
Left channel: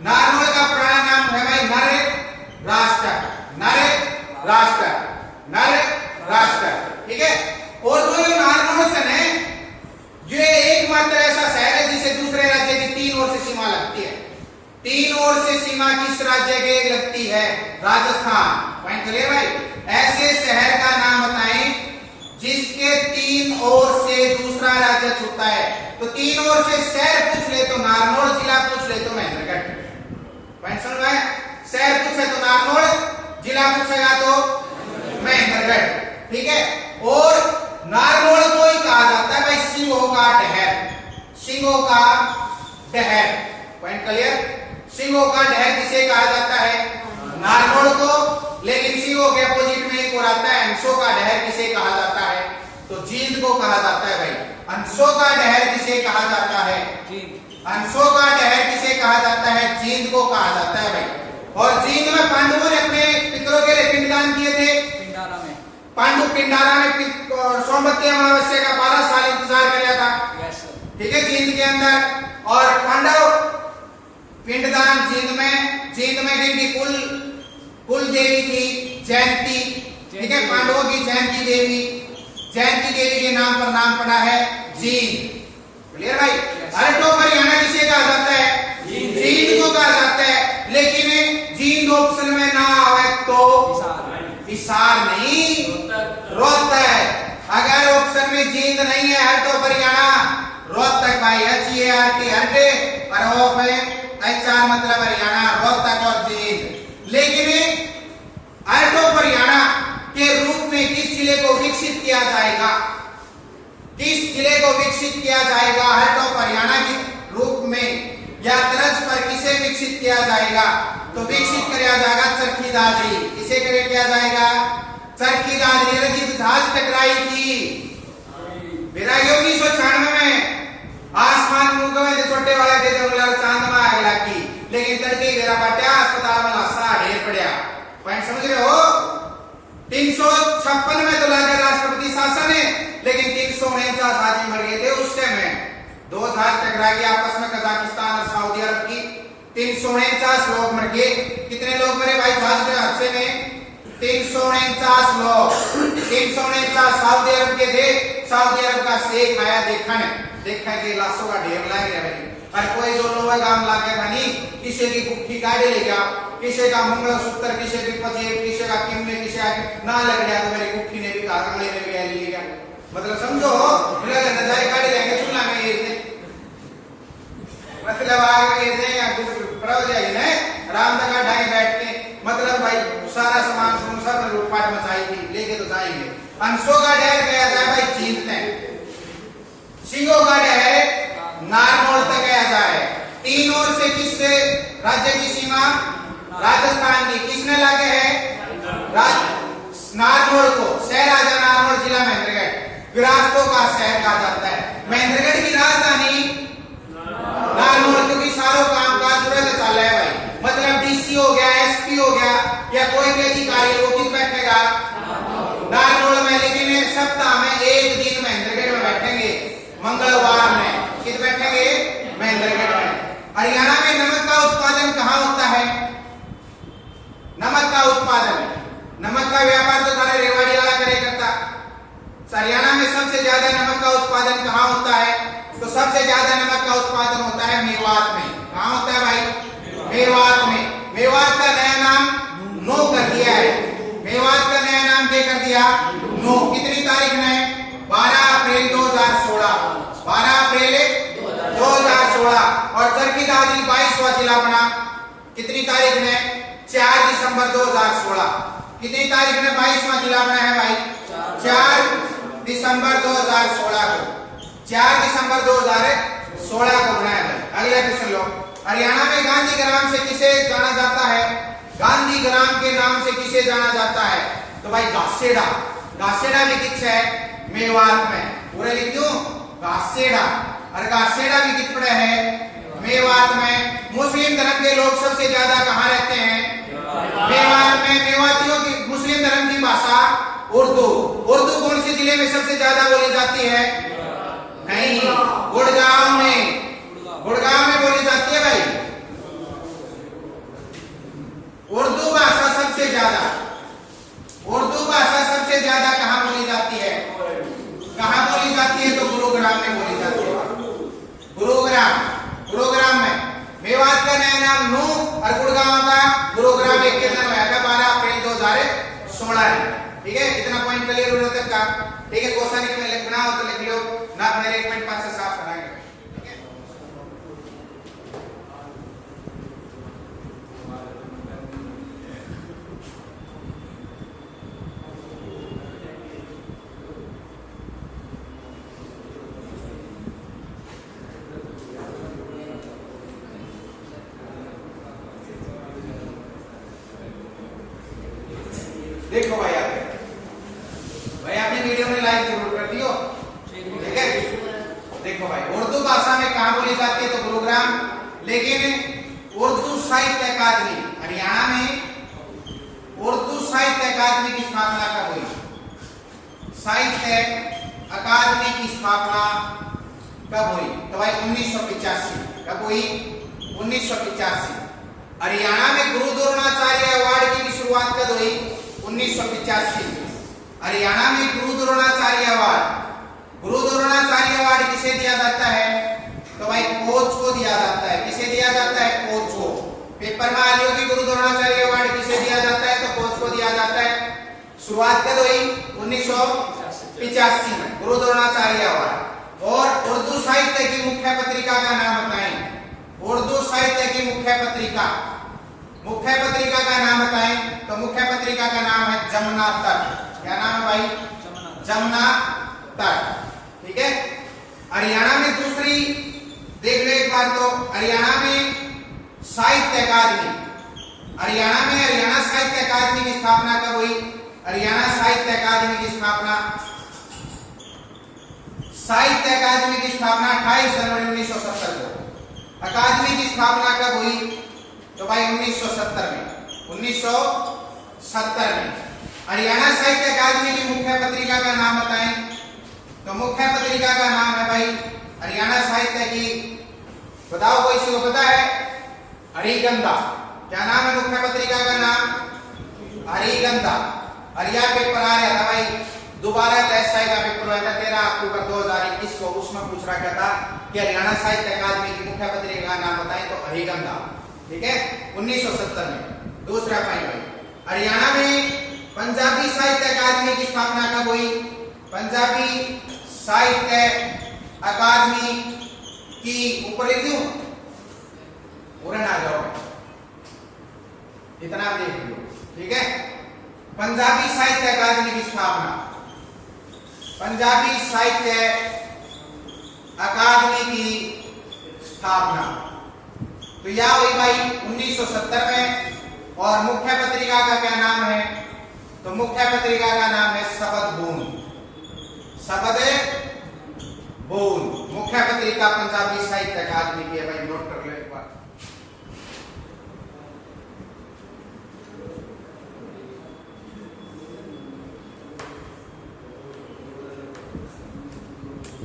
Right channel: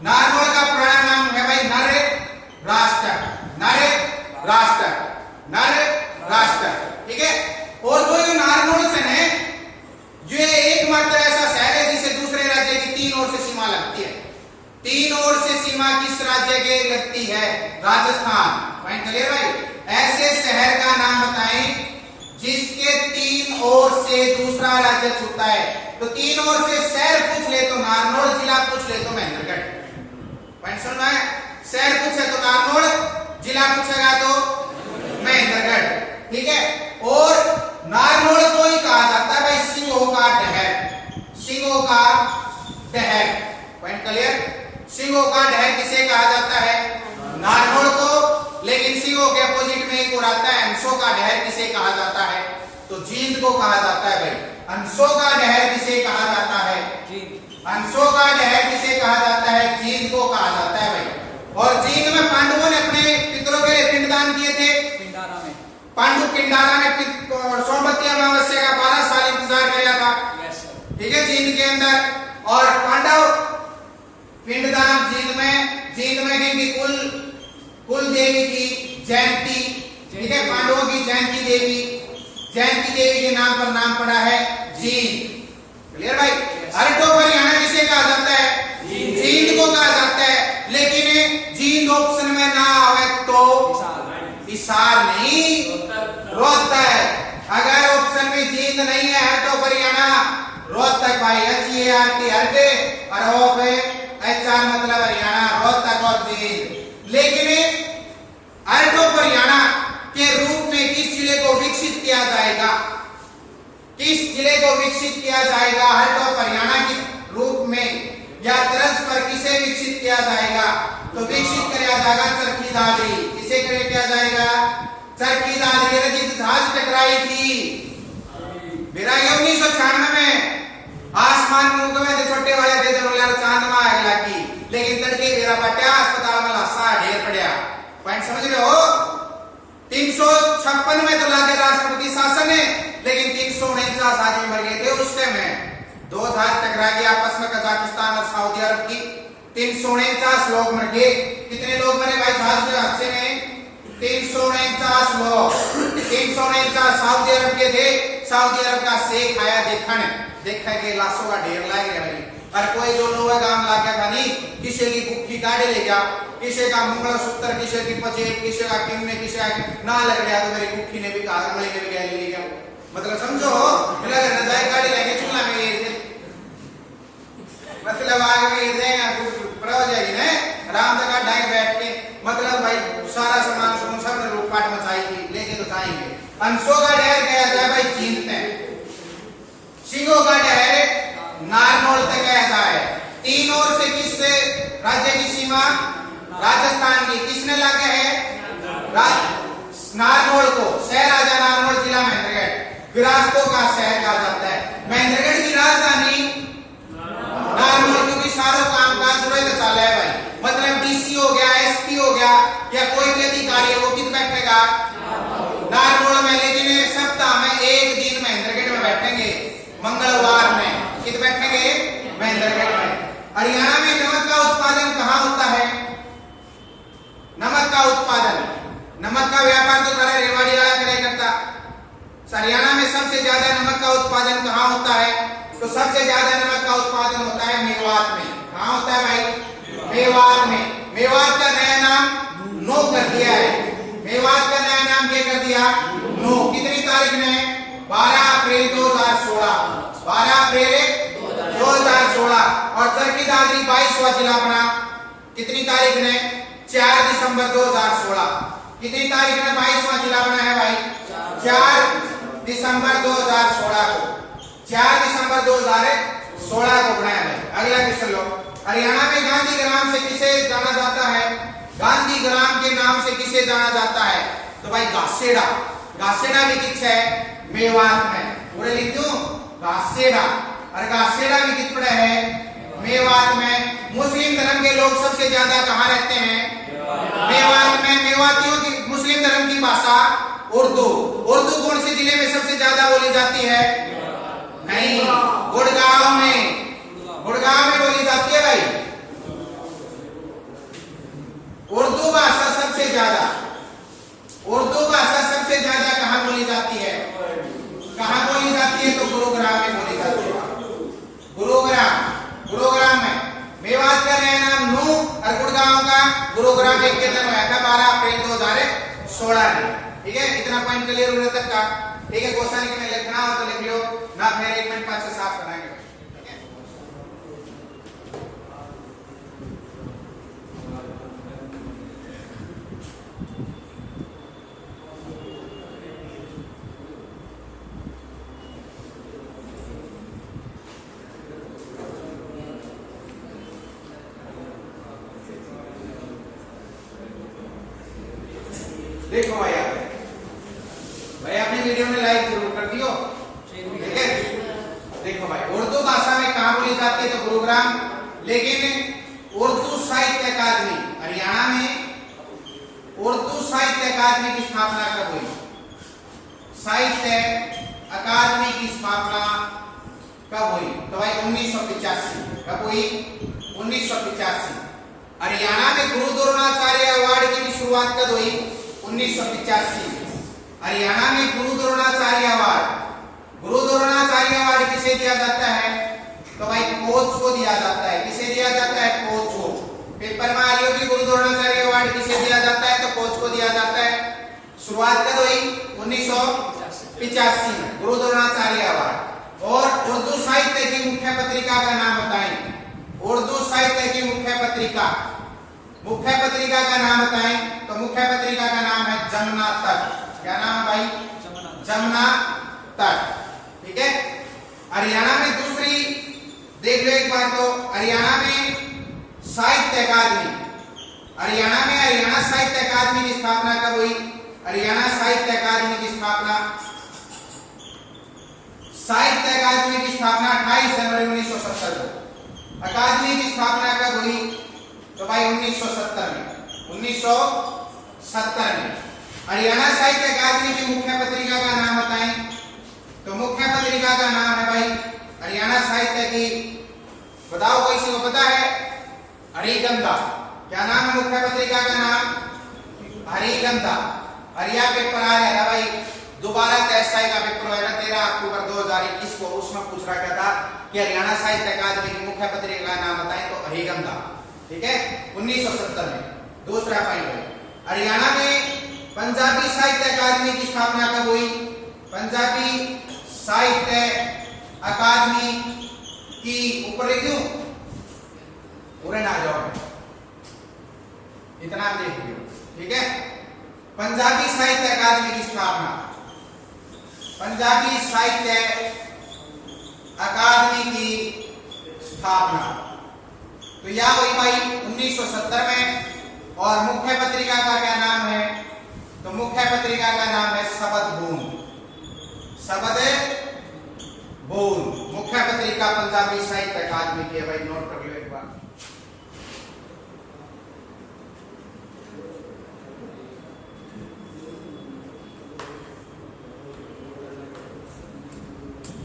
नारनौल का पुराना नाम है भाई नर राष्ट्र। ठीक है। और जो ये नारनौल है ये एकमात्र ऐसा शहर है जिसे दूसरे राज्य की 3 ओर से सीमा लगती है। 3 ओर से सीमा किस राज्य के लगती है? राजस्थान। पॉइंट क्लियर भाई? ऐसे शहर का नाम बताएं जिसके 3 ओर से दूसरा राज्य छूटता है। तो 3 ओर से शहर पूछ ले तो नारनौल, जिला पूछ ले तो महेंद्रगढ़। पॉइंट समझ में? शहर पूछे तो नारनौल, जिला पूछेगा तो महेंद्रगढ़। ठीक है। और नारनौल को ही कहा जाता है भाई सिंहों का डहर। Point clear? सिंहों का डहर किसे कहा जाता है? नारनौल को। लेकिन सिंहों के अपोजिट में एक और आता है अंशों का डहर। किसे कहा जाता है? तो जींद को कहा जाता है भाई। अंशों का डहर किसे कहा जाता है? अंशों का डहर किसे कहा जाता है? जींद को कहा जाता है भाई। और जींद में पांडवों ने अपने पितरों के लिए पिंडदान किए थे। पांडु पिंडारा में सोमवती अमावस्या का 12 साल इंतजार किया था। ठीक है, जींद के अंदर। और पांडव पिंडदान जींद में जिनकी कुल देवी थी जयंती। ठीक है, पांडवों की जयंती देवी के नाम पर नाम पड़ा है जींद। क्लियर भाई? हर टॉप हरियाणा किसे कहा जाता है? जींद को कहा जाता है। लेकिन जींद ऑप्शन में ना आवे तो हिसार नहीं, रोहतक। अगर ऑप्शन में जींद नहीं है, हर टॉप हरियाणा रोहतक भाई। हरटे और ऑफ है HR मतलब हरियाणा, रोहतक और जींद। लेकिन हर टॉप हरियाणा के रूप में किस जिले को विकसित किया जाएगा? किस जिले को विकसित किया जाएगा हर टॉप हरियाणा के रूप में, या तर्ज पर किसे विकसित किया जाएगा? तो विकसित किया जाएगा चरखी दादरी। किसे किया जाएगा? चरखी दादरी। रजित जहाज टकराई थी 1996 में। आसमान में उगवे छोटे वाले थे जो चांद में आग लगी, लेकिन तड़के मेरा बाटा अस्पताल में लाशा ढेर पड़ा। पॉइंट समझ रहे हो? 356 में तो लगे राष्ट्रपति शासन है, लेकिन 349 आदमी मर गए थे उस टाइम में। 2 जहाज टकरा गए आपस में, कजाकिस्तान और सऊदी अरब की। 349 लोग मर गए। कितने लोग मरे भाई जहाज के हादसे में? 349 लोग। 349 सऊदी अरब के थे। सऊदी अरब का शेख आया देखा के लाशों का ढेर लग रहा है। और कोई जो लोहा गांव ला गया था नहीं, किसी की गुट्ठी काटे ले गया, किसी का मंगलसूत्र, किसी की पजेब, किसी का किन्ने, किसी ना लग गया तो मेरी गुट्ठी ने भी कहा, मले ने भी ले लिया। मतलब समझो, मिला के नजारे गाड़ी लेके चुला में ले थे। मतलब आगे ये थे प्रवजय ने राम दगा ढाई बैठ के, मतलब भाई सारा सामान सब ने लूटपाट मचाई थी, लेके तो जाएंगे। अंशों का डहर गया जाए भाई जींद में। सिंहों का डहर नारनौल तक गया जाए। 3 ओर से किस राज्य की सीमा? राजस्थान की। किसने लागे है? नारनौल को। शहर आजा नारनौल, जिला महेंद्रगढ़। विरासतों का शहर कहा जाता है। महेंद्रगढ़ की राजधानी नारनौल, क्योंकि सारों काम काज जुड़े तो चल रहा है भाई। मतलब DC हो गया, SP हो गया, या कोई भी अधिकारी है वो किस बैठेगा? नारनौल में। लेकिन सप्ताह में एक दिन महेंद्रगढ़ में बैठेंगे, मंगलवार में। किस बैठेंगे? महेंद्रगढ़ में। हरियाणा में नमक का उत्पादन कहाँ होता है? नमक का उत्पादन, नमक का व्यापार तो सारे रेवाड़ी वाला करे करता। हरियाणा में सबसे ज्यादा नमक का उत्पादन कहाँ होता है? तो सबसे ज्यादा नमक का उत्पादन होता है मेवात में। कहाँ होता है भाई? मेवात में। मेवात का नया नाम नो कर दिया है। मेवात का नया नाम क्या कर दिया? नो। कितनी तारीख ने? 12 अप्रैल 2016। 12 अप्रैल 2016। और चरखी दादरी 22वां जिला बना। कितनी तारीख ने? 4 दिसंबर 2016। कितनी तारीख ने 22वां जिला बना है भाई? 4 दिसंबर 2016 को। 4 दिसंबर 2016 16 को बनाया भाई। अगला क्वेश्चन लो। हरियाणा में गांधी ग्राम से किसे जाना जाता है? गांधी ग्राम के नाम से किसे जाना जाता है? तो भाई घासेड़ा। घासेड़ा भी किस है? मेवात में। पूरे लिख दूं घासेड़ा। और घासेड़ा भी किस पड़ा है? मेवात में। मुस्लिम धर्म के लोग सबसे ज्यादा कहाँ रहते हैं? मेवात में। मेवातियों की मुस्लिम धर्म की भाषा उर्दू। उर्दू कौन से जिले में सबसे ज्यादा बोली जाती है? नहीं, गुड़गांव में। गुड़गांव में बोली जाती है भाई उर्दू भाषा सबसे ज्यादा। उर्दू भाषा सबसे ज्यादा कहाँ बोली जाती है? कहाँ बोली जाती है? तो गुरुग्राम में बोली जाती है। गुरुग्राम। गुरुग्राम में। मेवात का नया नाम नू और गुड़गांव का गुरुग्राम एक दिन हुआ था 12 अप्रैल 2016 में। ठीक है, इतना पॉइंट क्लियर होने तक का। ठीक है, क्वेश्चन में लिखना हो तो लिख लो ना, मेरे 1 मिनट 5 से 7 बनाएंगे। देखो भाई आपने वीडियो में लाइक जरूर कर दियो। ठीक है, देखो भाई उर्दू भाषा में कहाँ बोली जाती है? तो गुरुग्राम। लेकिन उर्दू साहित्य अकादमी हरियाणा में उर्दू साहित्य अकादमी की स्थापना कब हुई? साहित्य अकादमी की स्थापना कब हुई? तो भाई 1985। कब हुई? 1985। हरियाणा में गुरु द्रोणाचार्य अवार्ड की भी शुरुआत कब हुई? 1985। हरियाणा में गुरु द्रोणाचार्य अवार्ड। गुरु द्रोणाचार्य अवार्ड किसे दिया जाता है? तो भाई कोच को दिया जाता है। किसे दिया जाता है? कोच को। पेपर में आ रही होगी गुरु द्रोणाचार्य अवार्ड किसे दिया जाता है? तो कोच को दिया जाता है। शुरुआत कब हुई? 1985 में गुरु द्रोणाचार्य अवार्ड। और उर्दू साहित्य की मुख्य पत्रिका का नाम बताएं। उर्दू साहित्य की मुख्य पत्रिका। मुख्य पत्रिका का नाम बताएं। तो मुख्य पत्रिका का नाम है जमुना तट। क्या नाम है भाई? जमुना तट। ठीक है, हरियाणा में दूसरी देख लो एक बार। तो हरियाणा में साहित्य अकादमी। हरियाणा में हरियाणा साहित्य अकादमी की स्थापना कब हुई? हरियाणा साहित्य अकादमी की स्थापना साहित्य अकादमी की स्थापना 28 जनवरी 1970 को। अकादमी की स्थापना कब हुई? तो भाई 1970 में। 1970 में। हरियाणा साहित्य अकादमी की मुख्य पत्रिका का नाम बताएं। तो मुख्य पत्रिका का नाम है भाई हरियाणा साहित्य की, बताओ कोई किसी को पता है? हरिगंधा। क्या नाम है मुख्य पत्रिका का नाम? हरिगंधा। हरिया पेपर आ रहा था भाई, दोबारा एसआई का पेपर हुआ था 13 अक्टूबर 2021 को। उसमें पूछ रहा था कि हरियाणा साहित्य अकादमी की मुख्य पत्रिका का नाम बताएं। तो हरिगंधा। ठीक है, 1970 में। दूसरा पॉइंट भाई, हरियाणा में पंजाबी साहित्य अकादमी की स्थापना कब हुई? पंजाबी साहित्य अकादमी की ऊपर लिख दूं, पूरे ना जाओगे, इतना देख लो। ठीक है, पंजाबी साहित्य अकादमी की स्थापना। पंजाबी साहित्य अकादमी की स्थापना तो यह हुई भाई 1970 में। और मुख्य पत्रिका का क्या नाम है? तो मुख्य पत्रिका का नाम है शबद बूंद। शबद बूंद मुख्य पत्रिका पंजाबी साहित्य अकादमी की है भाई, नोट कर लो एक बार।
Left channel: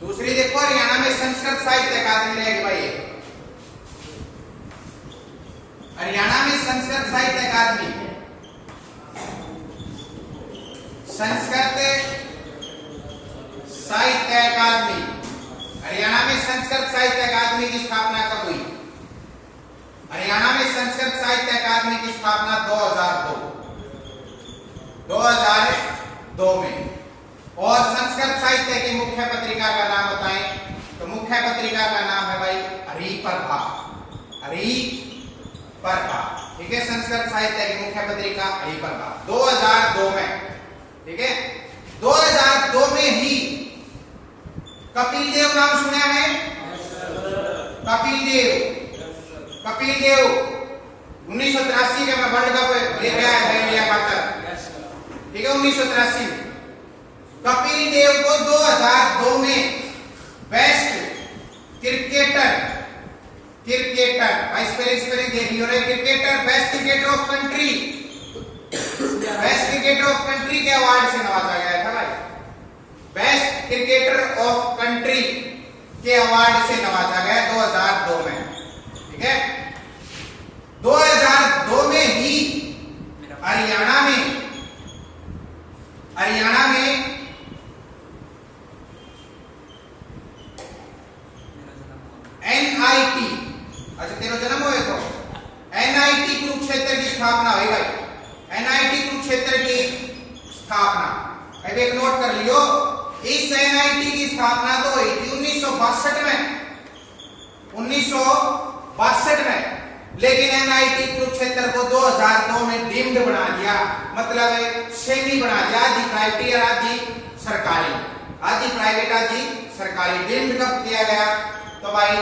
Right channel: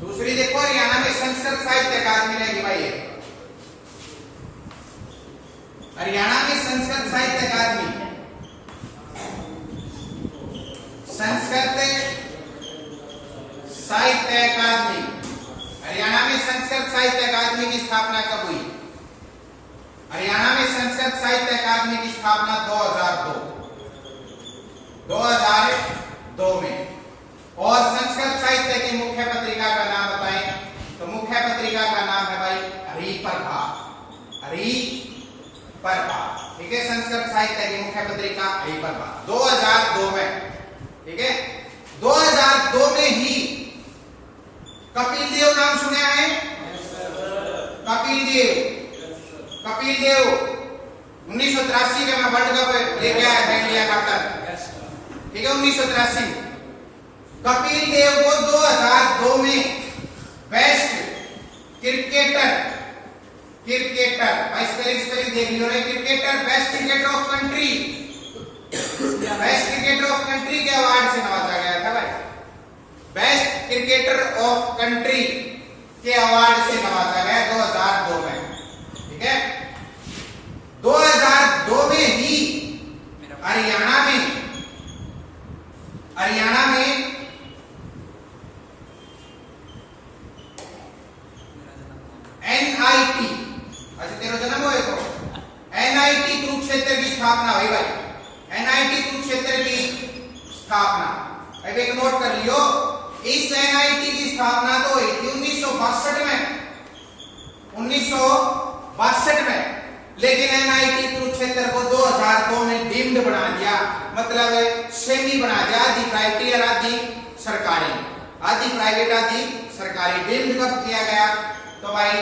दूसरी देखो, हरियाणा में संस्कृत साहित्य अकादमी रहेगी भाई। हरियाणा में संस्कृत साहित्य अकादमी, संस्कृत साहित्य अकादमी। हरियाणा में संस्कृत साहित्य अकादमी की स्थापना कब हुई? हरियाणा में संस्कृत साहित्य अकादमी की स्थापना 2002 में। और संस्कृत साहित्य की मुख्य पत्रिका का नाम बताएं। तो मुख्य पत्रिका का नाम है भाई हरिप्रभा। हरिप्रभा। ठीक है, संस्कृत साहित्य की मुख्य पत्रिका हरिप्रभा 2002 में। ठीक है, 2002 में ही कपिल देव नाम सुना है? कपिल देव 1983 में वर्ल्ड कप लेके आया था इंडिया का तक, ठीक है 1983। कपिल देव को 2002 में बेस्ट क्रिकेटर भाई स्पेलिंग देख लियो रे, cricketer best cricketer of country के अवार्ड से नवाजा गया था भाई। बेस्ट क्रिकेटर ऑफ कंट्री के अवार्ड से नवाजा गया 2002 में, ठीक है। 2002 में ही हरियाणा में NIT, अच्छा तेरा जन्म हुआ है तो NIT कुरुक्षेत्र की स्थापना हुई भाई। NIT कुरुक्षेत्र की स्थापना अब एक नोट कर लियो, इस NIT की स्थापना तो हुई थी 1962 में, लेकिन NIT कुरुक्षेत्र को 2002 में डीम्ड बना दिया, मतलब श्रेणी बना दिया, आधी प्राइवेट और आधी सरकारी, आधी प्राइवेट आधी सरकारी। डीम्ड कब किया गया तो भाई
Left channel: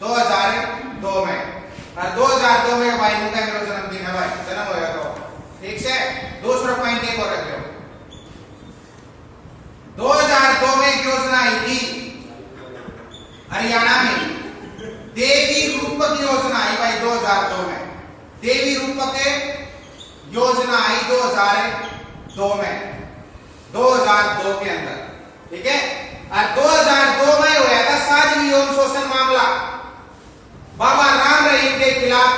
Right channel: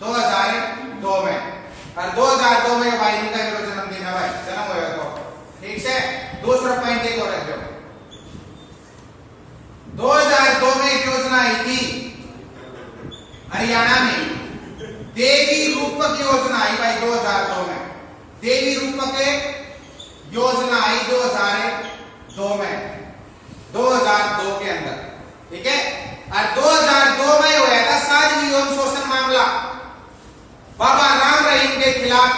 2002 में, और 2002 में भाई इनका जन्मदिन है भाई, जन्म हुआ तो ठीक से। दूसरा पॉइंट एक और रख दो, 2002 में एक योजना आई थी हरियाणा में, देवी रूपक योजना आई भाई 2002 में, देवी रूपक योजना आई 2002 में, 2002 के अंदर, ठीक है। और 2002 में हुआ था साझवी यौन शोषण मामला, बाबा राम रहीम के खिलाफ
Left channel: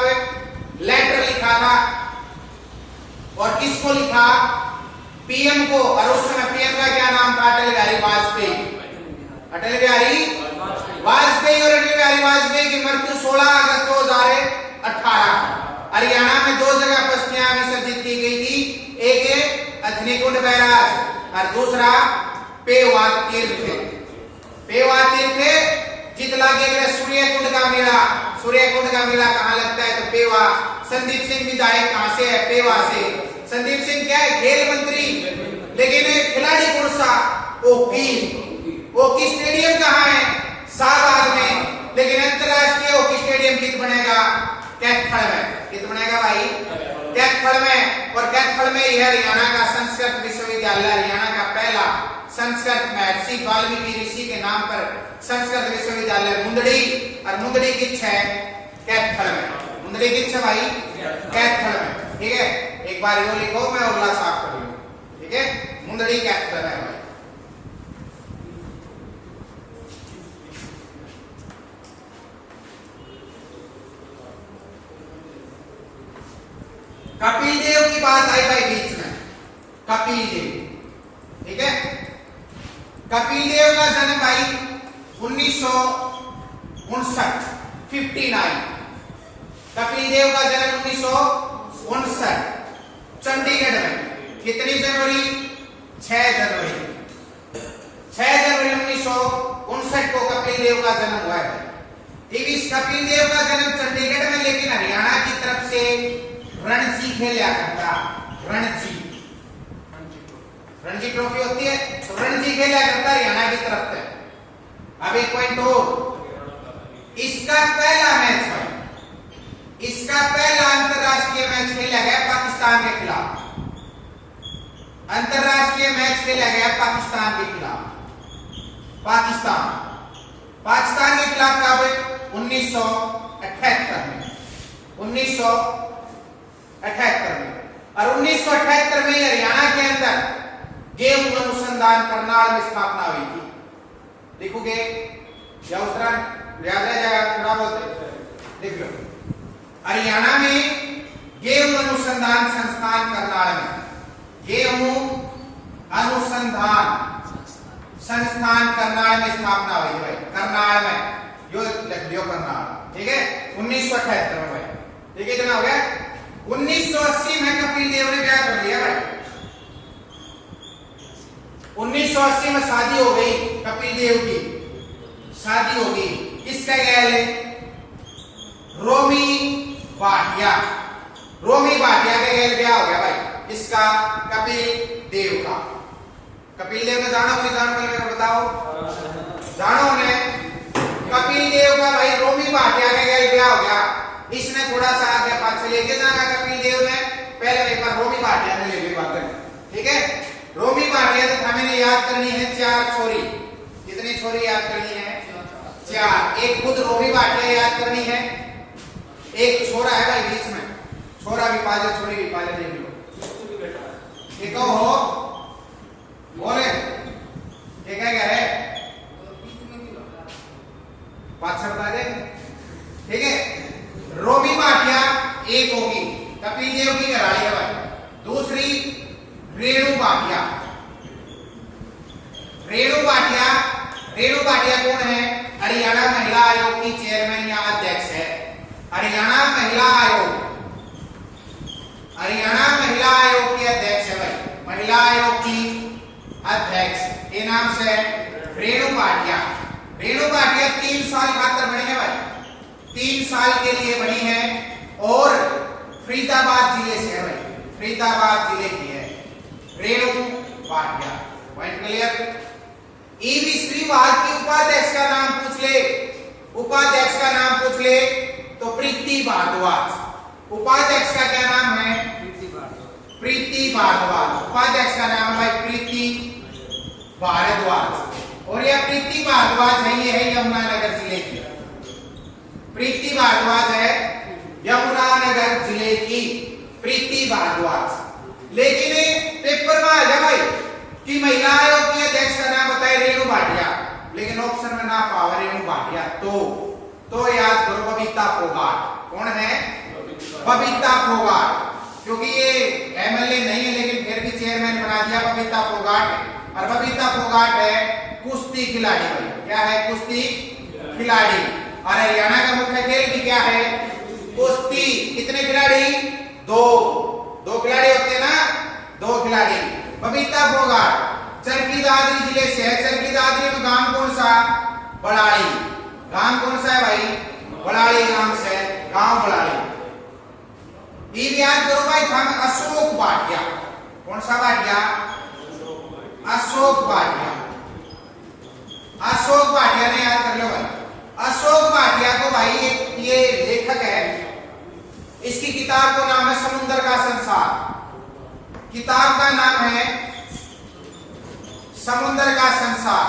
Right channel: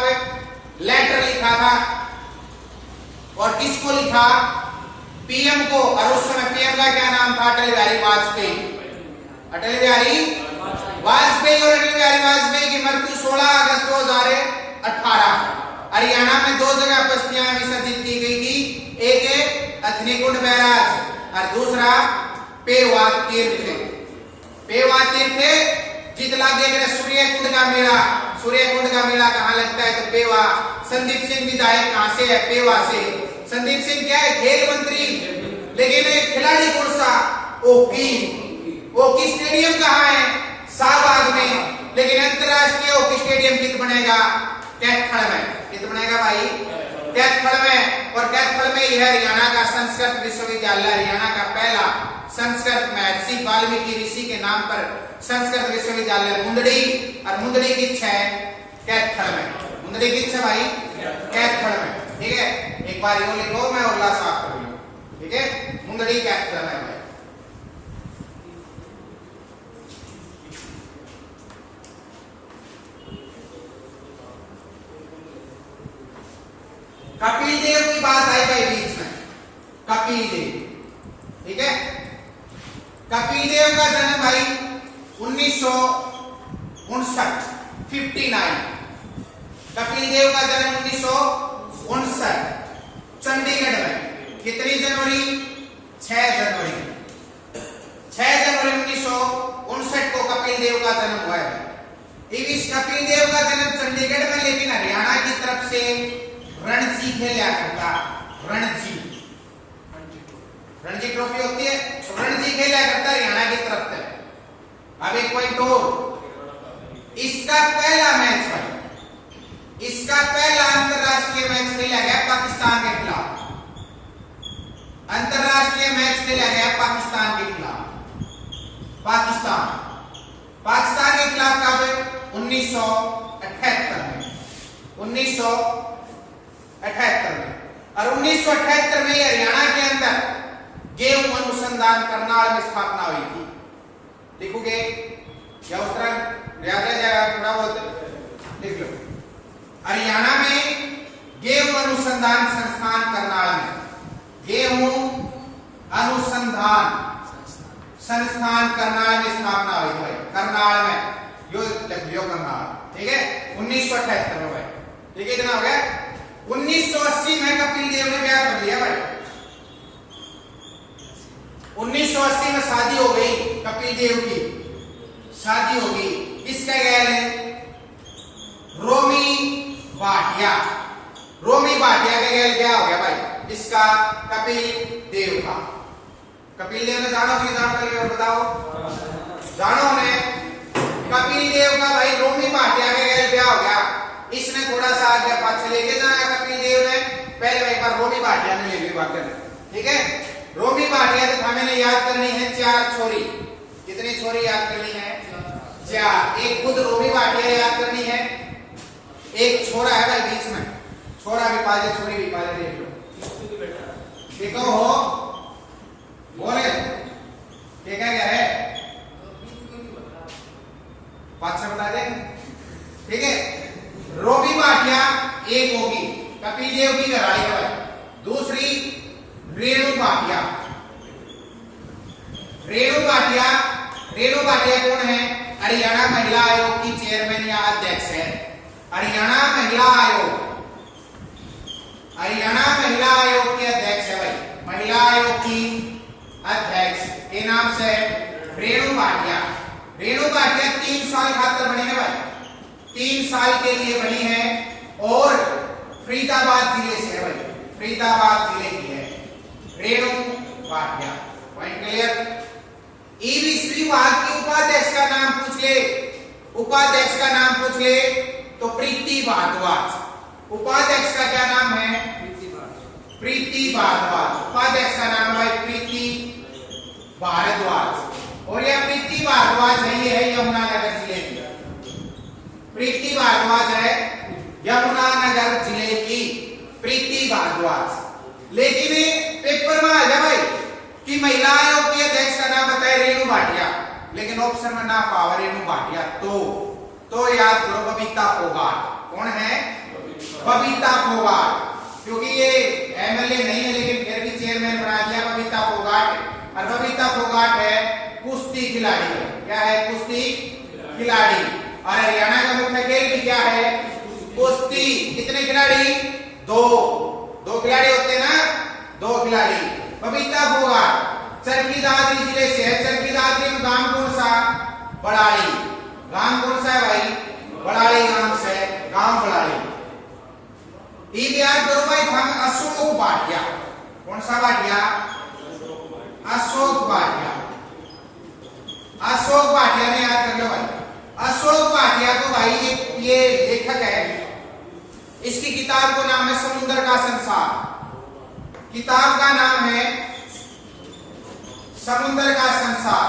लेटर लिखा था, और किसको लिखा, पीएम को, और उस समय पीएम का क्या नाम था, अटल बिहारी वाजपेयी और अटल बिहारी वाजपेयी की मृत्यु 16 अगस्त 2018 हरियाणा में 2 जगह बस्तियां विसर्जित की गई थी, एक अथनीकुंड बैराज और दूसरा पेवा तीर्थ जित लागे सूर्य कुंड का मेला कहाँ लगता है तो पेवा। संदीप सिंह विधायक कहां से है, पेवा से। संदीप सिंह क्या है, खेल मंत्री, लेकिन खिलाड़ी कौन सा, ओकी स्टेडियम कहाँ है, शाहबाद में, लेकिन अंतरराष्ट्रीय हॉकी स्टेडियम कित बनेगा, कैथल में। कित बनेगा भाई, कैथल में। और कैथल में यह हरियाणा का संस्कृत विश्वविद्यालय, हरियाणा का पहला संस्कृत महर्षि वाल्मीकि ऋषि के नाम पर संस्कृत विश्वविद्यालय मुंदड़ी, और मुंदड़ी किच्छ है कैथल में, मुंदड़ी किच्छ है भाई कैथल में, ठीक है। एक बार यो लिखो, मैं उल्ला साफ कर लूं, ठीक है, मुंदड़ी कैथल में भाई। कपिल देव की बात आई भाई बीच में, कपिल देव, ठीक है। कपिल देव का जन्म भाई 1959, कपिल देव का जन्म 1959 चंडीगढ़ में। कितनी जनवरी, 6 जनवरी 1959 को कपिल देव का जन्म हुआ है। इस कपिल देव का जन्म चंडीगढ़ में, लेकिन हरियाणा की तरफ से रणजी खेला करता, रणजी ट्रॉफी होती है, रणजी खेला करता हरियाणा की तरफ से। अब एक पॉइंट हो, इसका पहला मैच भाई, इसका पहला अंतरराष्ट्रीय मैच खेला गया पाकिस्तान के खिलाफ, अंतरराष्ट्रीय मैच खेला गया पाकिस्तान के खिलाफ, पाकिस्तान के खिलाफ कब, 1978 में, 1978 में। और 1978 में हरियाणा के अंदर गेहूं अनुसंधान करनाल में स्थापना हुई थी। देखोगे या उस तरह याद है जाएगा, थोड़ा बहुत देख लो। हरियाणा में गेहूं अनुसंधान संस्थान करनाल में, गेहूं अनुसंधान संस्थान करनाल में स्थापना हुई भाई, करनाल में, यो लिख लियो करनाल, ठीक है, 1978 में भाई, ठीक है। इतना हो गया। 1980 में कपिल देव ने क्या कर लिया भाई, 1980 में शादी हो गई, कपिल देव की शादी हो गई, किसका गैल है, रोमी भाटिया का गैल ब्याह हो गया भाई, इसका कपिल देव का। कपिल देव ने जानो नहीं जानो, बताओ जानो ने। कपिल देव देव का भाई रोमी भाटिया के गैल ब्याह हो गया, इसने थोड़ा सा आगे पास लेके जाना कपिल देव ने, पहले एक बार रोमी भाटिया ने ले ली बात करनी, ठीक है। रोमी भाटिया से हमें याद करनी है 4 छोरी। कितनी छोरी याद करनी है? 4। एक खुद रोमी भाटिया याद करनी है, एक छोरा है भाई बीच में, छोरा भी पाले छोरी भी पाले, देख लो ठीक हो बोले क्या है पांच बता दे, ठीक है। रोमी भाटिया एक होगी, कपिल देव की घराड़ी है भाई। दूसरी रेणु भाटिया। रेणु भाटिया, रेणु भाटिया कौन है? हरियाणा महिला आयोग की चेयरमैन या अध्यक्ष है। हरियाणा महिला आयोग, हरियाणा महिला आयोग की अध्यक्ष है भाई, महिला आयोग की अध्यक्ष के नाम से रेणु भाटिया। रेणु भाटिया 3 साल खातर बनी है भाई, 3 साल के लिए बनी है और फरीदाबाद जिले से है भाई, फरीदाबाद जिले की है Renu Bhatia. Point clear. EV Shri विभाग की उपाध्यक्ष का नाम पूछ ले, उपाध्यक्ष का नाम पूछ ले तो प्रीति भारद्वाज। उपाध्यक्ष का क्या नाम है? प्रीति भारद्वाज। उपाध्यक्ष का नाम है प्रीति भारद्वाज। और यह प्रीति भारद्वाज है, ये है यमुनानगर जिले की, प्रीति भारद्वाज है यमुनानगर जिले की प्रीति भारद्वाज। लेकिन पेपर में आ जा भाई कि महिला आयोग की अध्यक्ष का नाम बताए रेणु भाटिया, लेकिन ऑप्शन में ना पावर रेणु भाटिया, तो याद करो बबीता फोगाट। कौन है? बबीता फोगाट। क्योंकि ये एमएलए नहीं है लेकिन फिर भी चेयरमैन बना दिया बबीता फोगाट। और बबीता फोगाट है कुश्ती खिलाड़ी। क्या है? कुश्ती खिलाड़ी। और हरियाणा का मुख्य खेल भी क्या है? कुश्ती। कितने खिलाड़ी? 2 खिलाड़ी होते हैं ना, 2 खिलाड़ी। बबीता फोगाट चरखी दादरी जिले से है। चरखी दादरी में गांव कौन सा? बड़ाली। गांव कौन सा है भाई? बड़ाली गांव से, गांव बड़ाली। याद करो भाई हम अशोक भाटिया। कौन सा भाटिया? अशोक भाटिया। अशोक भाटिया ने याद कर लो भाई। अशोक भाटिया को भाई ये लेखक है, इसकी किताब का नाम है समुद्र का संसार। किताब का नाम है समुद्र का संसार।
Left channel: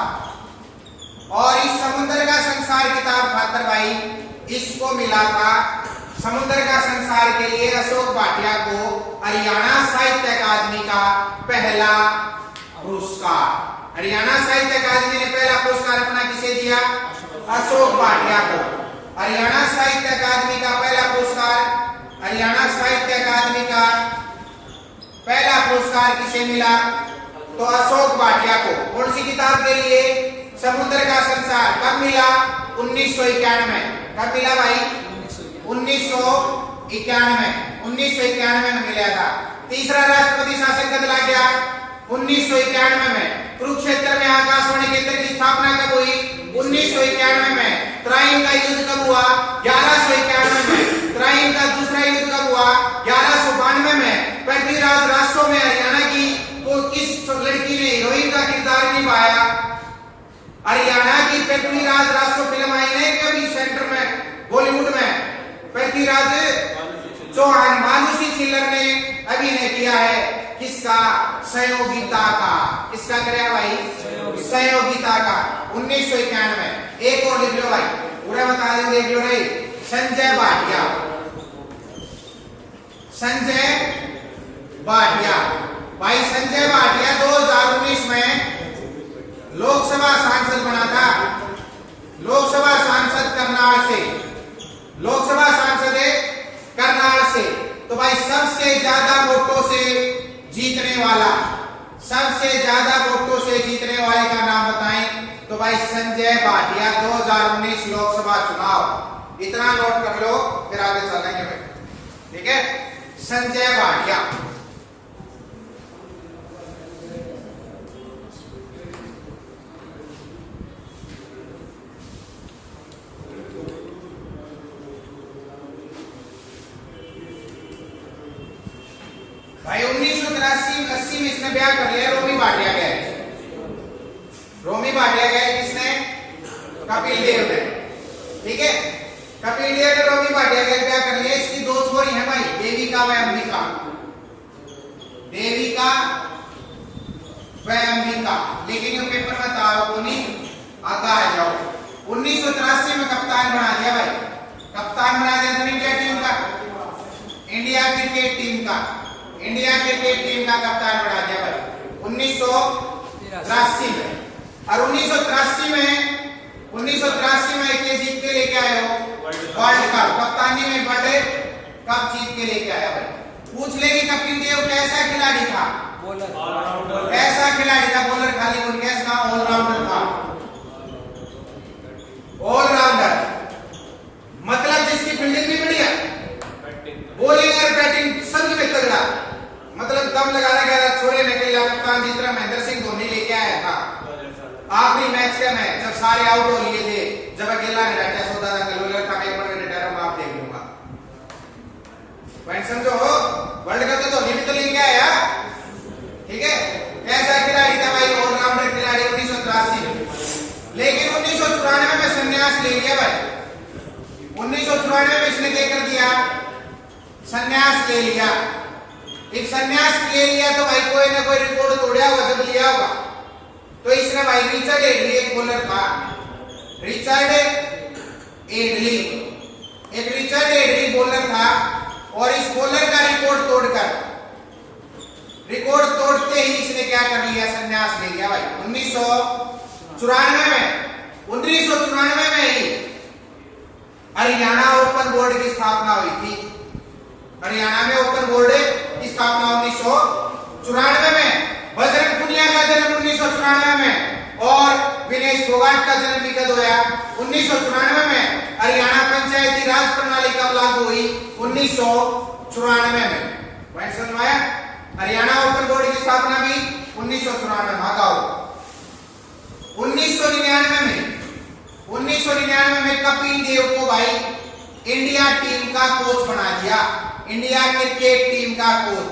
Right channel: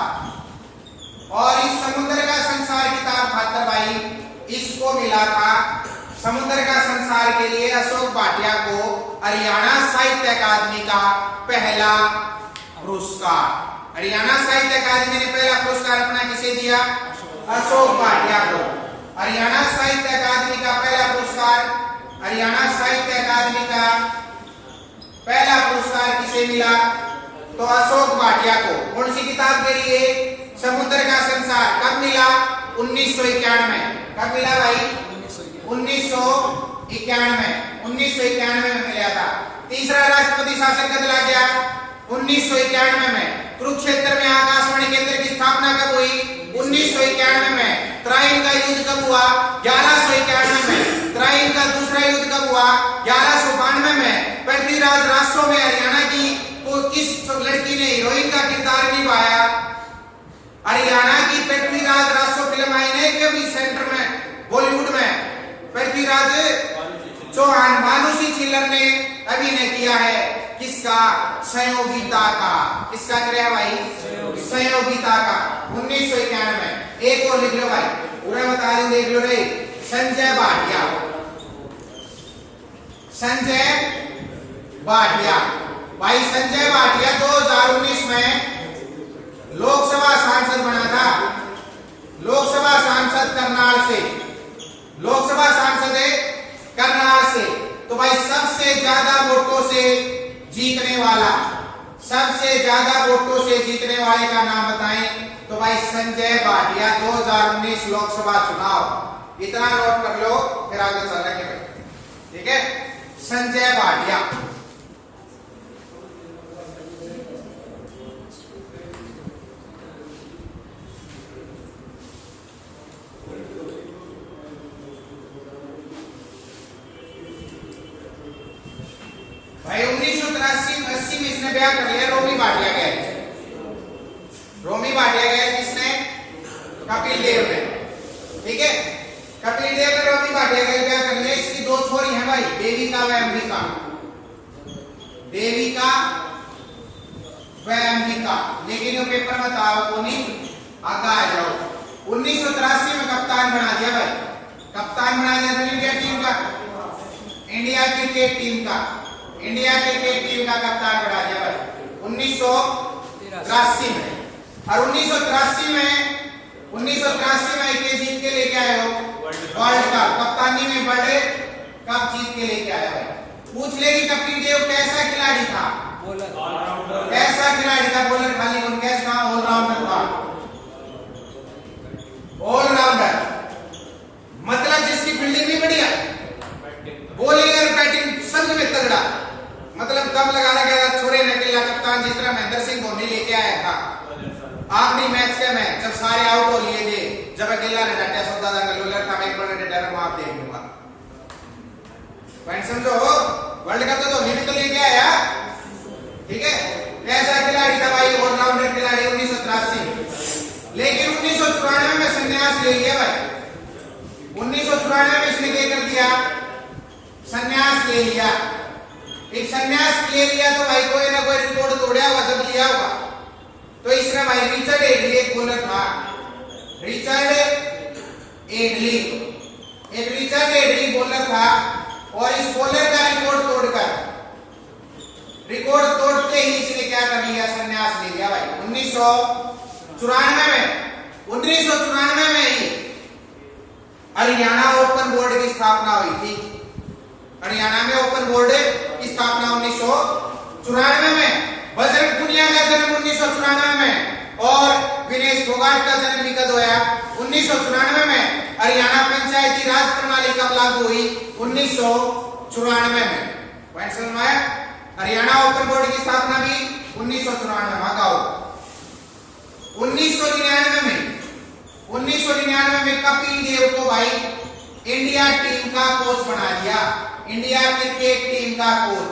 और इस समुद्र का संसार किताब खातर भाई इसको मिला था, समुद्र का संसार के लिए अशोक भाटिया को हरियाणा साहित्य अकादमी का पहला पुरस्कार। हरियाणा साहित्य अकादमी ने पहला पुरस्कार अपना किसे दिया? अशोक भाटिया को। हरियाणा साहित्य अकादमी का पहला पुरस्कार, हरियाणा साहित्य अकादमी का पहला पुरस्कार किसे मिला? तो अशोक भाटिया को। कौन सी किताब के लिए? समुद्र का संसार। कब मिला? 1991। कब मिला भाई? 1991 में मिला था। तीसरा राष्ट्रपति शासन कब लग गया? 1991 में। कुरुक्षेत्र में आकाशवाणी केंद्र की स्थापना कब हुई? 1991 में। त्राइन का युद्ध कब हुआ? 1191 में। त्राइन का दूसरा युद्ध कब हुआ? 1192 में। पृथ्वीराज रासो में हरियाणा की को किस लड़की ने हीरोइन का किरदार निभाया? हरियाणा की पृथ्वीराज रासो फिल्म आई है कभी सेंटर में बॉलीवुड में? पृथ्वीराज चौहान, मानुषी छिल्लर ने अभिनय किया है। किसका? सहयोगिता का। किसका करे भाई? सहयोगिता का। 1991 में। एक और लिख लो भाई, पूरा बता दें, देख लो रे। संजय भाटिया। संजय भाटिया भाई, संजय भाटिया 2019 में लोकसभा सांसद बना था। लोकसभा सांसद करनाल से, लोकसभा सांसद है करनाल से। तो भाई सबसे ज्यादा वोटों से जीतने वाला, सबसे ज्यादा वोटों से जीतने वाले का नाम बताएं? तो भाई संजय भाटिया 2019 लोकसभा चुनाव। इतना नोट कर लो फिर आगे चलेंगे भाई, ठीक है। संजय भाटिया। भाई 1983-80 में इसने ब्याह कर लिया रोमी भाटिया के। रोमी भाटिया के किसने? कपिल देव ने। ठीक है। कपिल देव और रवि भाटिया क्या कर लिया, इसकी दो छोरी हैं भाई, देविका व अंबिका, देविका व अंबिका। लेकिन ये पेपर में ताव को नहीं आता, आ जाओ। 1983 में कप्तान बना दिया भाई, कप्तान बना दिया तो इंडिया टीम का, इंडिया क्रिकेट टीम का, इंडिया क्रिकेट टीम का कप्तान बना दिया भाई 1983 में। और 1983 में ये जीत के लेके आए हो वर्ल्ड कप, कप्तानी में वर्ल्ड कप जीत के लेके आया भाई। पूछ लेगी कपिल देव कैसा खिलाड़ी था, बॉलर, कैसा खिलाड़ी था, बॉलर खाली कौन, कैसा ऑलराउंडर था, ऑलराउंडर मतलब जिसकी फील्डिंग भी बढ़िया, बॉलिंग और बैटिंग सब में तगड़ा, मतलब दम लगा रहा छोड़े न अकेला कप्तान, जिस तरह महेंद्र सिंह धोनी लेके आया था आखिरी मैच के में, जब सारे आउट हो लिए थे, जब अकेला ने डाटा सोता था गलोलर था, मैं बड़े डर में आप देख लूंगा। पॉइंट समझो, वर्ल्ड कप तो धोनी भी तो लेके आया, ठीक है। ऐसा खिलाड़ी था भाई, ऑलराउंडर खिलाड़ी 1983 में। लेकिन 1994 में संन्यास ले लिया भाई, 1994 में इसने क्या कर दिया, संन्यास ले लिया। एक संन्यास ले लिया तो भाई कोई ना कोई रिकॉर्ड तोड़ा होगा, जब लिया होगा तो इसने भाई रिचर्ड एडली एक बॉलर था, रिचर्ड एडली, एक रिचर्ड एडली बॉलर था, और इस बॉलर का रिकॉर्ड तोड़कर, रिकॉर्ड तोड़ते ही इसने क्या कर लिया, संन्यास ले लिया भाई 1994 में। 1994 में ही हरियाणा ओपन बोर्ड की स्थापना हुई थी, हरियाणा में ओपन बोर्ड की स्थापना 1994 में। बजरंग पुनिया का जन्म 1994 में, और विनेश फोगाट का जन्म भी कब हुआ, 1994 में। हरियाणा पंचायती राज प्रणाली कब लागू हुई, 1994 में। पॉइंट समझ में आया। हरियाणा ओपन बोर्ड की स्थापना भी 1994 में। भागाओ 1999 में कपिल देव को भाई इंडिया टीम का कोच बना दिया, इंडिया क्रिकेट टीम का कोच,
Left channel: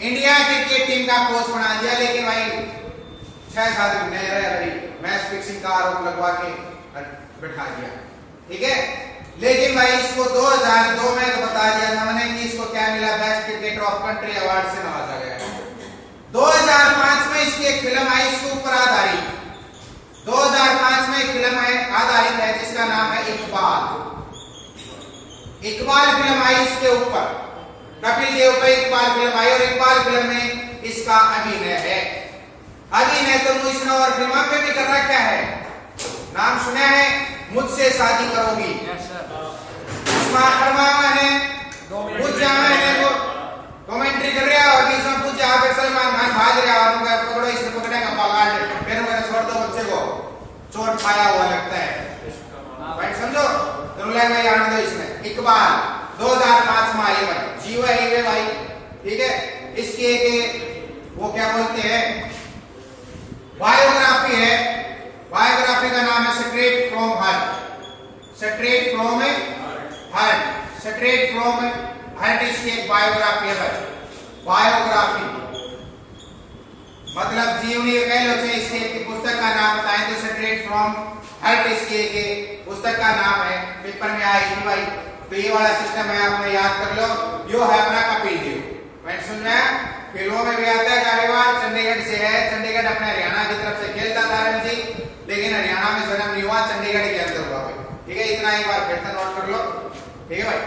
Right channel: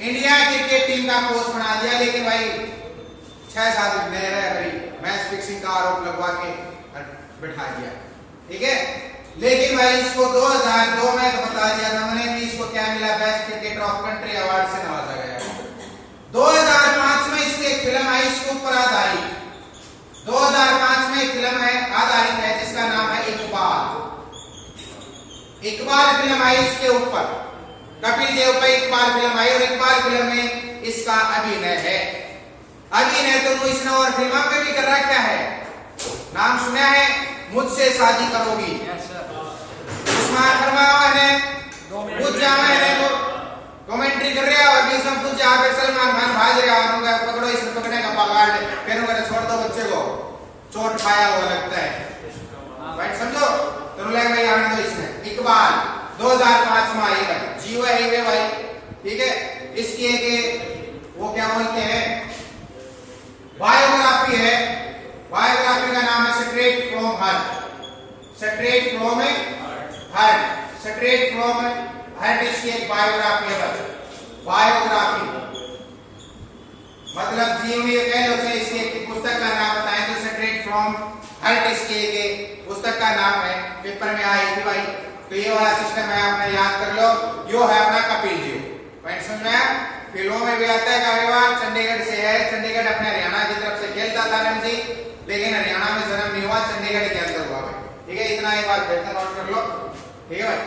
इंडिया क्रिकेट टीम का कोच बना दिया। लेकिन भाई 6-7 महीने मैच फिक्सिंग का आरोप लगवा के बैठा दिया, ठीक है। लेकिन भाई इसको 2002 में तो बता दिया था मैंने कि इसको क्या मिला, best cricketer of country award से नवाजा गया। 2005 में इसकी एक फिल्म आई इसके ऊपर आधारित, 2005 में एक फिल्म है आधारित है जिसका नाम है इकबाल। इकबाल फिल्म आई इसके ऊपर, कपिल देव पर इकबाल फिल्म आई, और इकबाल फिल्म में इसका अभिनय है। अभिनय तो इसने और फिल्म पे भी कर रखा है, नाम सुना है मुझसे शादी करोगी, पूछ जाना है को कमेंट्री कर रहा है, इसमें पूछ जहाँ पे सलमान खान भाग रहा है, पकड़ो इसे, पकड़ेगा पकड़ फिर छोड़ दो बच्चे को, चोट खाया हुआ लगता है, भाई समझो। तो भाई आने दो इसमें। इकबाल 2005 में आई भाई, जीवा है भाई, ठीक है। इसकी एक वो क्या बोलते हैं बायोग्राफी है, बायोग्राफी का नाम है straight from heart, straight from heart, straight from heart इसकी एक बायोग्राफी है भाई। बायोग्राफी मतलब जीवनी कह लो, इसकी एक पुस्तक का नाम बताएं तो स्ट्रेट फ्रॉम हार्ट इसकी एक पुस्तक का नाम है, पेपर में आई थी भाई। तो ये वाला सिस्टम है, आपने याद कर लो। यो है अपना कपिल देव, पॉइंट समझ में आया। फिल्मों में भी आता है काफी बार, चंडीगढ़ से है, चंडीगढ़ अपने हरियाणा की तरफ से खेलता था रणजी, लेकिन हरियाणा में जन्म नहीं हुआ, चंडीगढ़ के अंदर हुआ भाई, ठीक है। इतना एक बार फिर से नोट कर लो, ठीक है भाई।